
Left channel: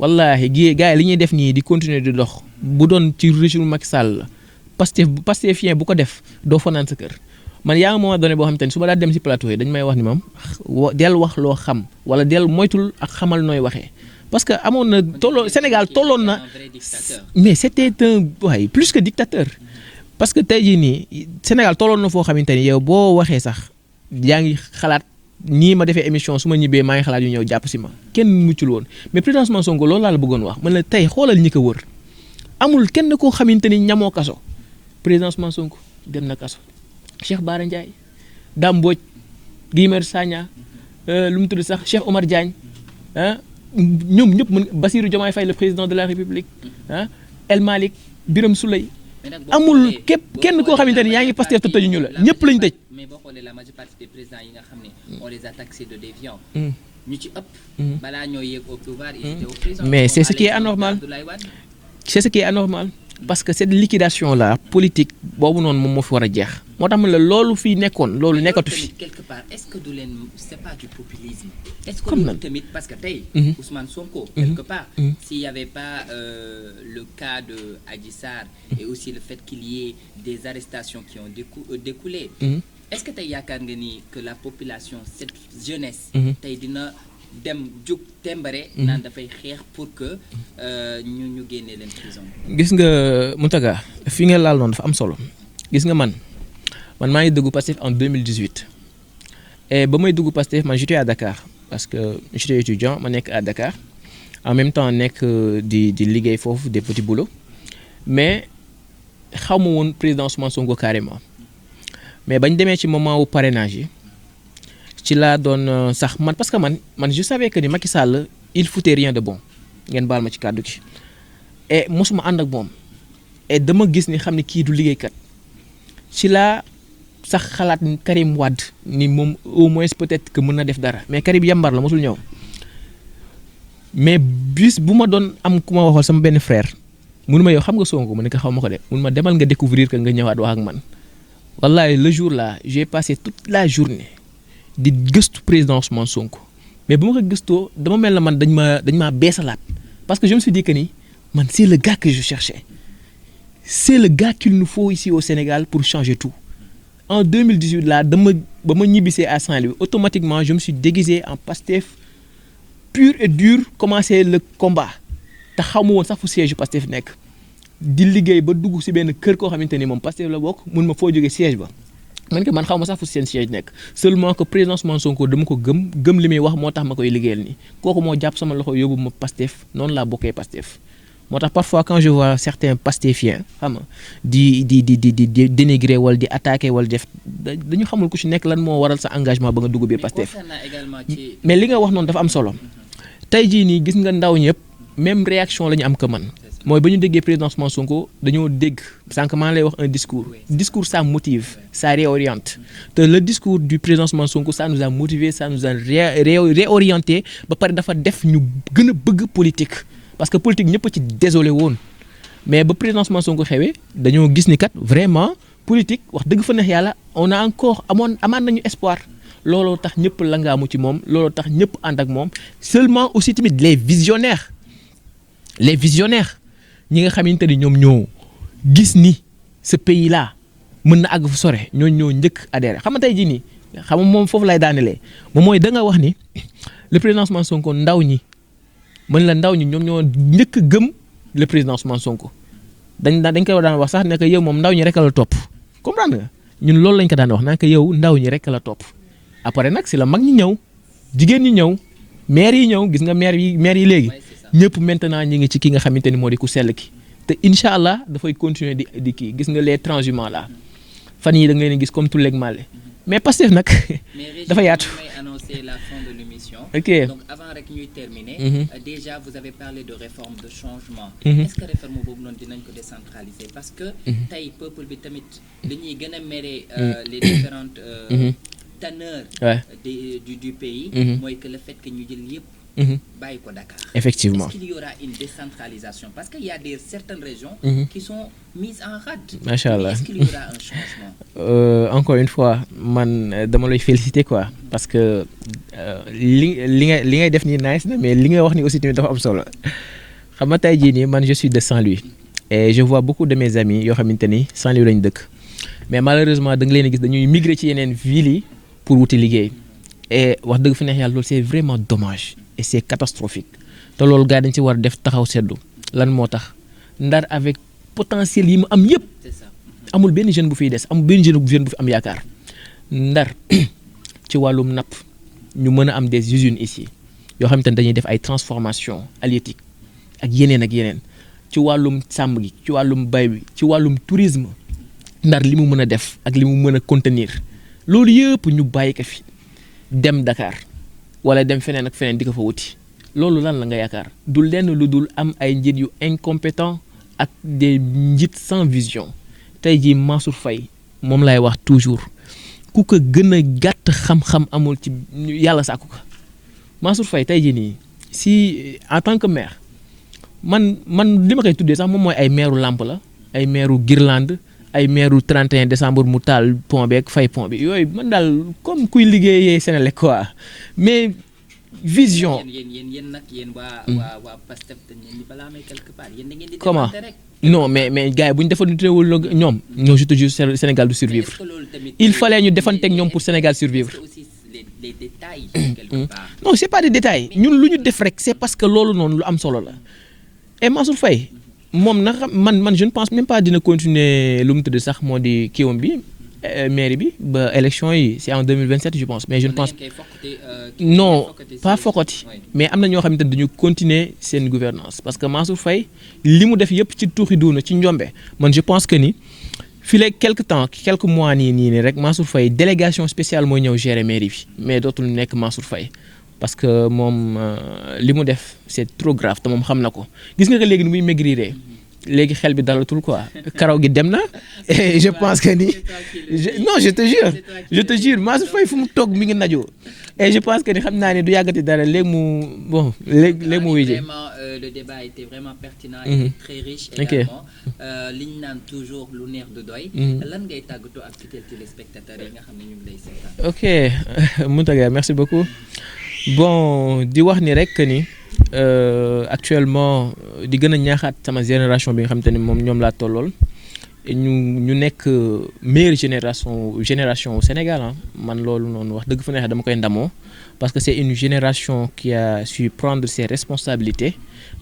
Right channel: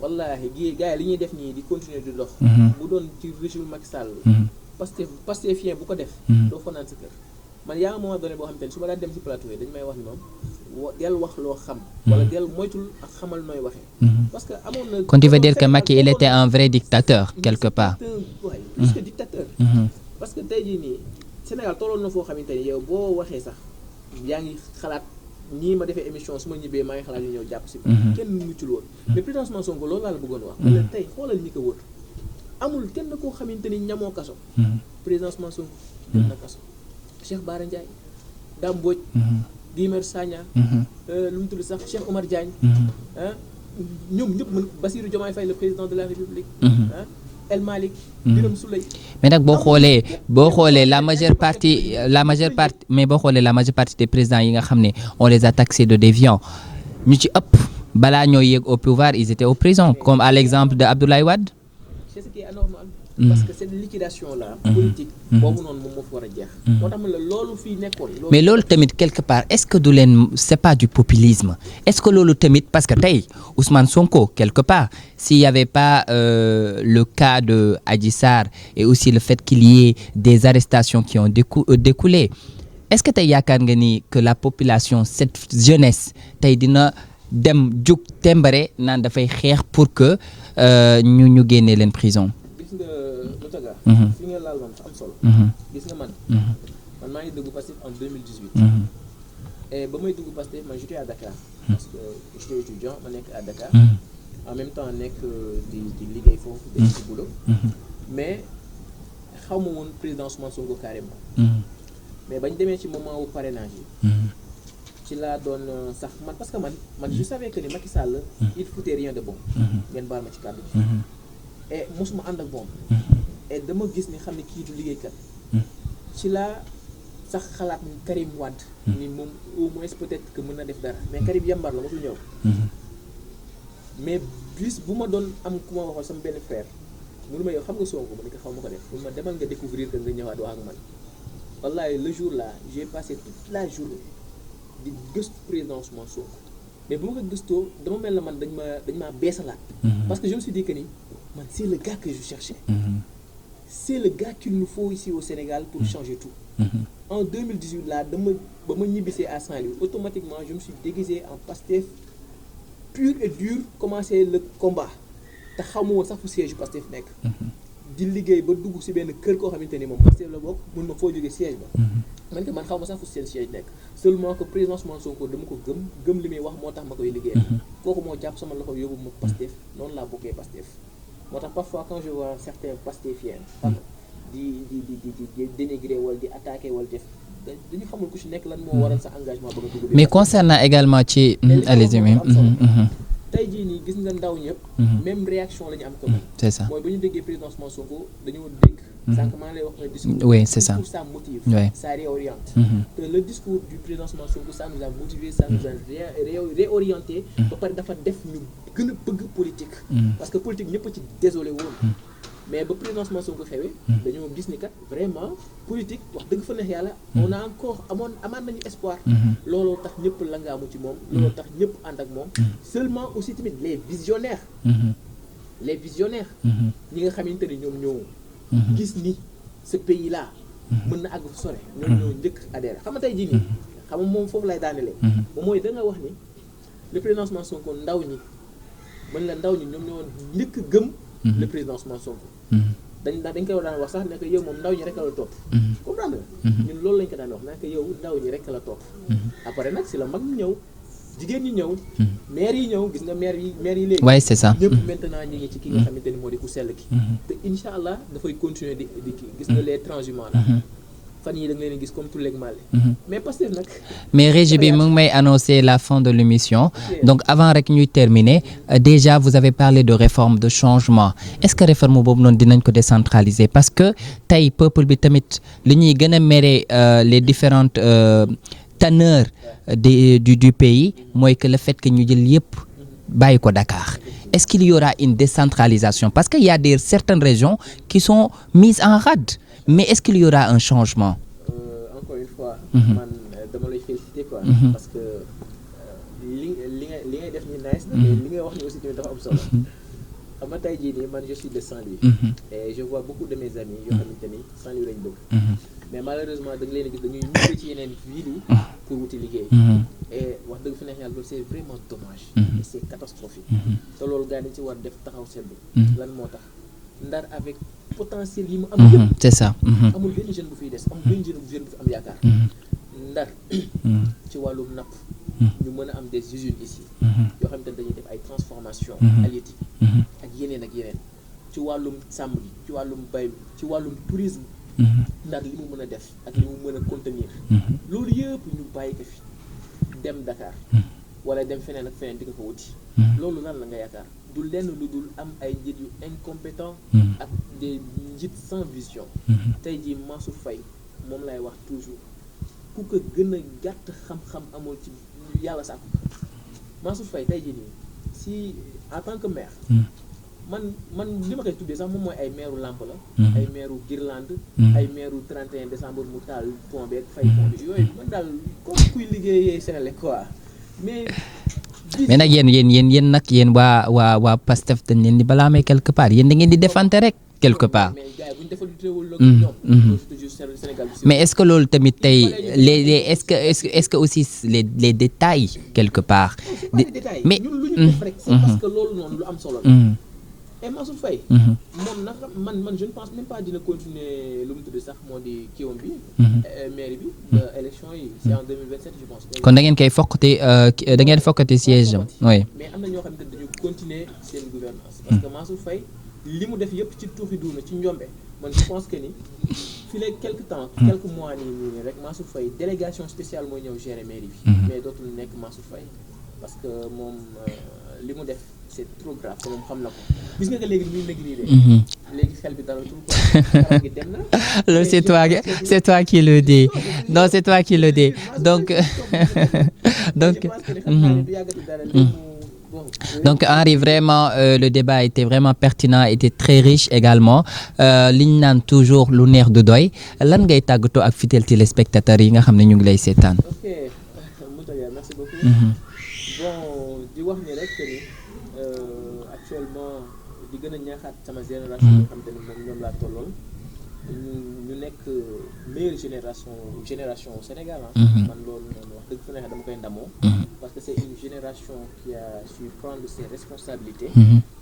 wallaahi gars yi li ñuy def nii di continuer di dox bu doon ci régime Macky Sall la Pastefien bu ko def doo fanaan sa kër man yaa nga moment donné boo xam te ne su ma daa dem ci plateau yi dañ may wax ni moom del wax loo xam wala del moytul ak xamal nooy waxee parce que amoon na Sénégal il était un vrai dictateur mais c'était un plus que dictateur parce que tey jii nii Sénégal tolloon na foo xamante ni yow boo waxee sax yaa ngi xalaat nii ma defee émission su ma ñibbee maa ngi xalaat yu ñëw jàpp si ma kenn muccul woon mais président Ousmane Sonko loolu laa la bëggoon wax man la tey xoolal ñi ko wër amul kenn koo xamante ni ñamoo kaso président Ousmane Sonko dem na kaso Cheikh Bara Ndiaye Dame Mbodj Guy Marius Sagna lu mu tudd sax Cheikh Omar Diagne ñoom ñëpp mën Bassirou Diomaye Faye le président de la République El Malick Birame Souleye mais nag boo xoolee la majeure partie des présidents yi nga xam ne on les a taxés de déviants ñu ci ëpp balaa ñoo yéeg au pouvoir ils étaient aux prisons comme à l'exemple de Abdoulaye Wade c'est ce qui est anormal parce que cette liquidation là politique boobu noonu moom moo fi war a jeex moo tax man la loolu fii nekkoon loolu mais loolu tamit quelque part est-ce que du leen c'est pas du populisme est-ce que loolu tamit parce que tey Ousmane Sonko quelque part s'il y avait pas le cas de Adji Sarr et aussi le fait qu'il y ait des arrestations qui ont découlé est-ce que tey yaakaar nga ni que la population cette jeunesse tey dina dem jug tembare naan dafay xeex pour que ñu génnee leen prison. gis nga Mountaga fi nga laal noonu dafa am solo. gis nga man maa ngi dugg Pastef en 2018. et ba may dugg Pastef man j'étais à Dakar. parce que j'étais étudiant ma nekk à Dakar. en même temps nekk di liggéey foofu des petits boulots. mais xaw ma woon président Ousmane Sonko carrément. mais bañ demee ci moment wu parrainage yi. ci laa doon sax man parce que man je savais que ni Macky Sall il foutait rien de bon ngeen baal ma ci kàddu gi et mosuma ànd ak moom et dama gis ni xam ne kii du liggéeykat ci laa sax xalaat Karim Wade ni moom au moins peut-être que mën na def dara mais Karim yambar la mosul ñëw mais bis bu ma doon am ku ma waxoon sama benn frère mënu ma yow xam nga Sonko mu ne ko xaw ma ko de mënu ma demal nga découvrir que nga ñëwaat wax ak man wallahi le jour là j'ai passé toute la journée di gëstu président Ousmane Sonko mais bu ma ko gëstoo dama mel na man dañ maa beesalaat. parce que je me suis dit que ni man c'est le gars que je cherchais. c'est le gars qu'il nous faut ici au Sénégal pour changer tout. En 2018 là ba ma ñibbisee à Saint-Louis automatiquement je me suis déguisé en Pastef pur et dur commencer le combat te xaw ma woon sax fu siège Pastef nekk. di liggéey ba dugg ci benn kër koo xamante ni moom Pastef la bokk mun ma foo jógee siège ba. man que man xaw ma sax fu seen siège nekk seulement que président Ousmane Sonko dama ko gëm li muy wax moo tax ma koy liggéeyal nii. kooku moo jàpp sama loxo yóbbu ma Pastef noonu laa bokkee Pastef. moo tax parfois quand je vois certains pastéfiens xam nga di dénigrer wala di attaquer wala def dañu xamul ku ci nekk lan moo waral sa engagement ba nga dugg bi mais concernant également ci mais li nga wax noonu dafa am solo tey jii nii gis nga ndaw ñëpp même réaction la ñu am que man mooy ba ñu déggee président Ousmane Sonko dañoo dégg sànq maa lay wax un discours discours ça motive ça réoriente te le discours du président Ousmane Sonko ça nous a motivé ça nous a réorienté ba pare dafa def ñu gën a bëgg politique parce que politique ñëpp a ci désolé woon mais ba président Ousmane Sonko xewee dañoo gis ni kat vraiment politique wax dëgg fa neex yàlla on a encore amaan nañu espoir looloo tax ñëpp la ngaamu ci moom looloo tax ñëpp ànd ak moom seulement aussi tamit les visionnaires ñi nga xamante ni ñoom ñoo gis ni ce pays là mën na àgg fu sore ñoo njëkk adhéré xam nga tey jii nii xam nga moom foofu lay daanelee moom mooy da nga wax ni le président Ousmane Sonko ndaw ñi ñoom ñoo njëkk gëm le président Ousmane Sonko dañ koy daan wax sax ne que yow moom ndaw ñi rek la topp comprendre nga ñun loolu lañ ko daan wax naa que yow ndaw ñi rek la topp après nag si la mag ñi ñëw jigéen ñi ñëw maire yi ñëw gis nga maire yi léegi c'est ça ñëpp maintenant ñi ngi ci ki nga xamante ni moo di ku sell ki te incha allah dafay continuer di kii gis nga les transhumants là fan yi da nga leen gis comme tout léegi male mais Pastef nag mais Régie bi mu ngi may annoncer la fin de l'émission donc avant rek ñuy terminer déjà vous avez parlé de réforme de changement est-ce que réforme boobu noonu dinañ ko décentraliser parce que tey peuple bi tamit li ñuy gën a mere les différentes teneurs du pays mooy que le fait que ñu jël yëpp bàyyi ko Dakar. Effectivement. Est-ce qu'il y aura une décentralisation parce qu'il y a certaines régions qui sont mises en rade mais est-ce qu'il y aura un changement encore une fois man dama lay féliciter quoi parce que li ngay def nii nice na mais li nga wax ni aussi tamit dafa am solo xam nga tey jii nii man je suis de Saint-Louis et je vois beaucoup de mes amis yoo xamante ni Saint-Louis lañu dëkk mais malheureusement da nga leen a gis dañuy migrer ci yeneen villes yi pour wuti liggéey et wax dëgg fi neex yàlla loolu c'est vraiment dommage et c'est catastrophique te loolu gars dañ ci war def taxaw seddu lan moo tax Ndar avec potentiel yi mu am yëpp c'est ça amul benn jeune bu fiy des amul benn jeune bu fi am yaakaar Ndar ci wàllum napp ñu mën a am des usines ici yoo xamante ne dañuy def ay transformation halieutique ak yeneen ci wàllum sàmm gi ci wàllum bay bi ci wàllum tourisme Ndar li mu mën a def ak li mu mën a contenir loolu yëpp ñu bàyyi ko fi dem Dakar wala dem feneen ak feneen di ko fa wuti loolu lan la nga yaakaar du lenn lu dul am ay njiit yu incompétent ak des njiit sans vision tey jii Mansour Faye moom lay wax toujours ku ko gën a gàtt xam-xam amul ci yàlla sàkku ko Mansour Faye tey jii nii si en tant que maire man li ma koy tuddee sax moom mooy ay maireu Lamp la ay maireu Guirlande ay maireu 31 décembre mu taal pont bi ak fay pont bi yooyu man daal comme kuy liggéeyee Sénélec quoi mais vision yéen nag yéen waa Pastef dañ leen di balaamee quelque part yéen da ngeen di défante rek non mais gars yi bu ñu defantewul ak ñoom ñoo je te jure Sénégal du survivre mais est-ce que loolu tamit il fallait ñu defante ak ñoom pour Sénégal survivre est-ce que aussi les détails quelque part non c'est pas des détails mais ñun lu ñu def rek c'est parce que loolu noonu lu am solo la et Mansour Faye moom nag man je ne pense même pas dina continuer lu mu tudd sax moo di kiiwam bi mairie bi ba élection yi c'est en 2027 je pense mais je pense kon da ngeen koy fokkati da ngeen fokkati siège pas fokkati mais am na ñoo xamante ne dañu continuer seen gouvernance parce que Mansour Faye li mu def yëpp ci tuuxi duuna ci njombe man je pense que ni fii léegi quelques mois nii rek Mansour Faye délégation spéciale mooy ñëw gérer mairie bi mais dootul nekk Mansour Faye parce que moom li mu def c'est trop grave te moom xam na ko gis nga que léegi ni muy maigrir léegi xel bi dalatul quoi karaw gi dem na. c'est toi qui le dis. non je te jure non c'est toi qui le dis. je te jure Mansour Faye fu mu toog mi ngi naju. et je pense que ni xam naa ne du yàggati dara léegi mu bon. donc Henri vraiment le débat était vraiment pertinent était très riche également li ñu naan toujours lu neex du doy. lan ngay tàggatoo ak fidèles téléspectateurs yi nga xam ne ñu ngi lay seetaan. ok Mountaga merci beaucoup. bon di wax ni rek ni actuellement di gën a ñaaxaat sama génération bi nga xamante ni moom ñoom laa tollool ñu nekk meilleure génération au Sénégal man loolu noonu wax dëgg fa neex dama koy ndamoo parce que c'est une génération qui a su prendre ses responsabilités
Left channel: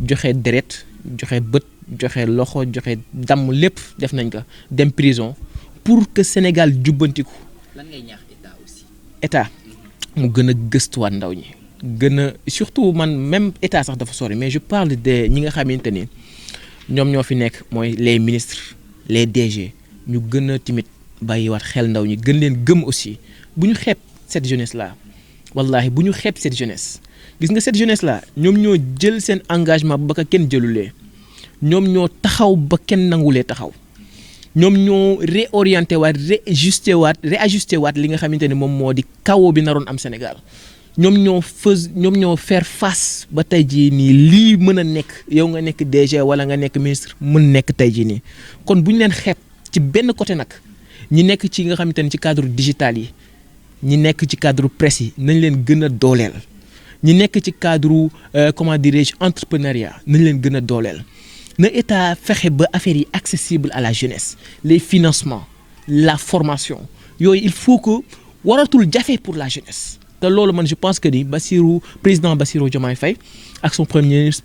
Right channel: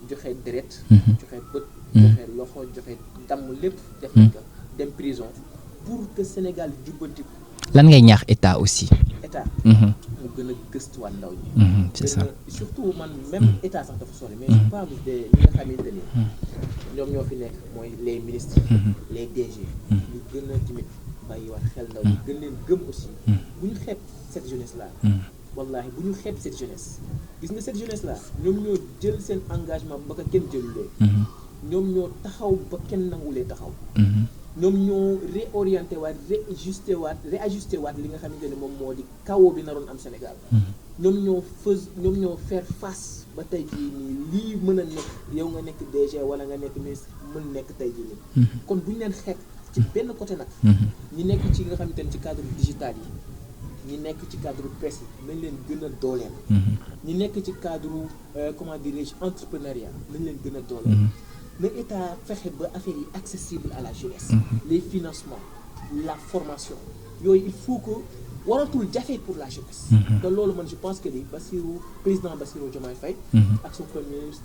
joxe deret joxe bët joxe loxo joxe damm lépp def nañ ko dem prison pour que Sénégal jubbantiku. lan ngay ñaax état aussi. état mu gën a gëstuwaat ndaw ñi gën a surtout man même état sax dafa sori mais je parle de ñi nga xamante ni ñoom ñoo fi nekk mooy les ministres les DG ñu gën a timit bàyyiwaat xel ndaw ñi gën leen gëm aussi bu ñu xeeb cette jeunesse là wallahi bu ñu xeeb cette jeunesse gis nga cette jeunesse là ñoom ñoo jël seen engagement ba ka kenn jëlulee ñoom ñoo taxaw ba kenn nangulee taxaw ñoom ñoo réorienté waat réajusté waat li nga xamante ne moom moo di chaos bi naroon am Sénégal ñoom ñoo faire face ba tey jii nii lii mën a nekk yow nga nekk DG wala nga nekk ministre mën nekk tey jii nii kon bu ñu leen xeeb ci benn côté nag ñi nekk ci nga xamante ne ci cadre digital yi ñi nekk ci cadre presse yi nañ leen gën a dooleel ñi nekk ci cadre comment dirais-je entrepreneuriat nañ leen gën a dooleel na état fexe ba affaire yi accessible à la jeunesse les financements la formation yooyu il faut que waratul jafe pour la jeunesse te loolu man je pense que ni président Bassirou Diomaye Faye ak son premier ministre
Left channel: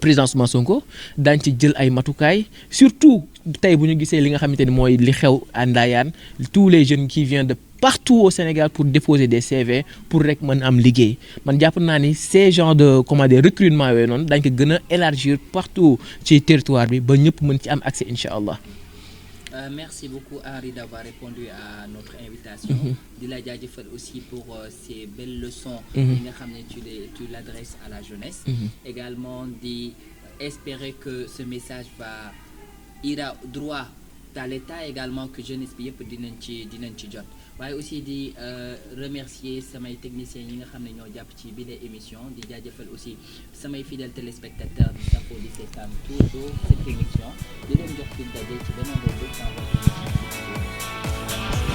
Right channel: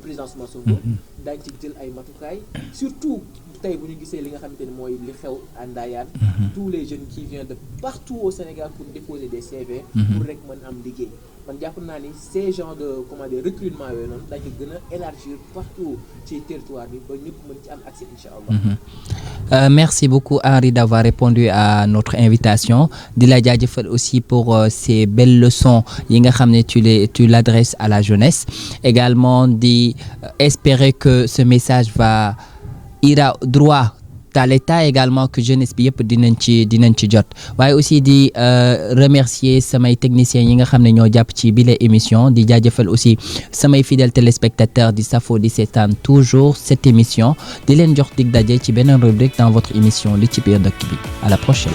président Ousmane Sonko daañ ci jël ay matukaay surtout tey bu ñu gisee li nga xamante ni mooy li xew à Ndayane tous les jeunes qui viennent de partout au Sénégal pour déposer des CV pour rek mën am liggéey man jàpp naa ni ces genres de recrutement yooyu noonu dañ ko gën a élargir partout ci territoire bi ba ñëpp mën ci am accès incha allah. Merci beaucoup Henri d'avoir répondu à notre invitation di la jaajëfal aussi pour ces belles leçons yi nga xam ne tu l'adresses à la jeunesse également di espérer que ce message ira droit à l'état également que jeunesse bi yëpp dinañ ci jot waaye aussi di remercier samay techniciens yi nga xam ne ñoo jàpp ci bile émission di jaajëfal aussi samay fidèles téléspectateurs di safo di seetaan toujours cette émission di leen jox dig daje ci beneen rubrique dans votre émission li ci biir dëkk bi à la prochaine.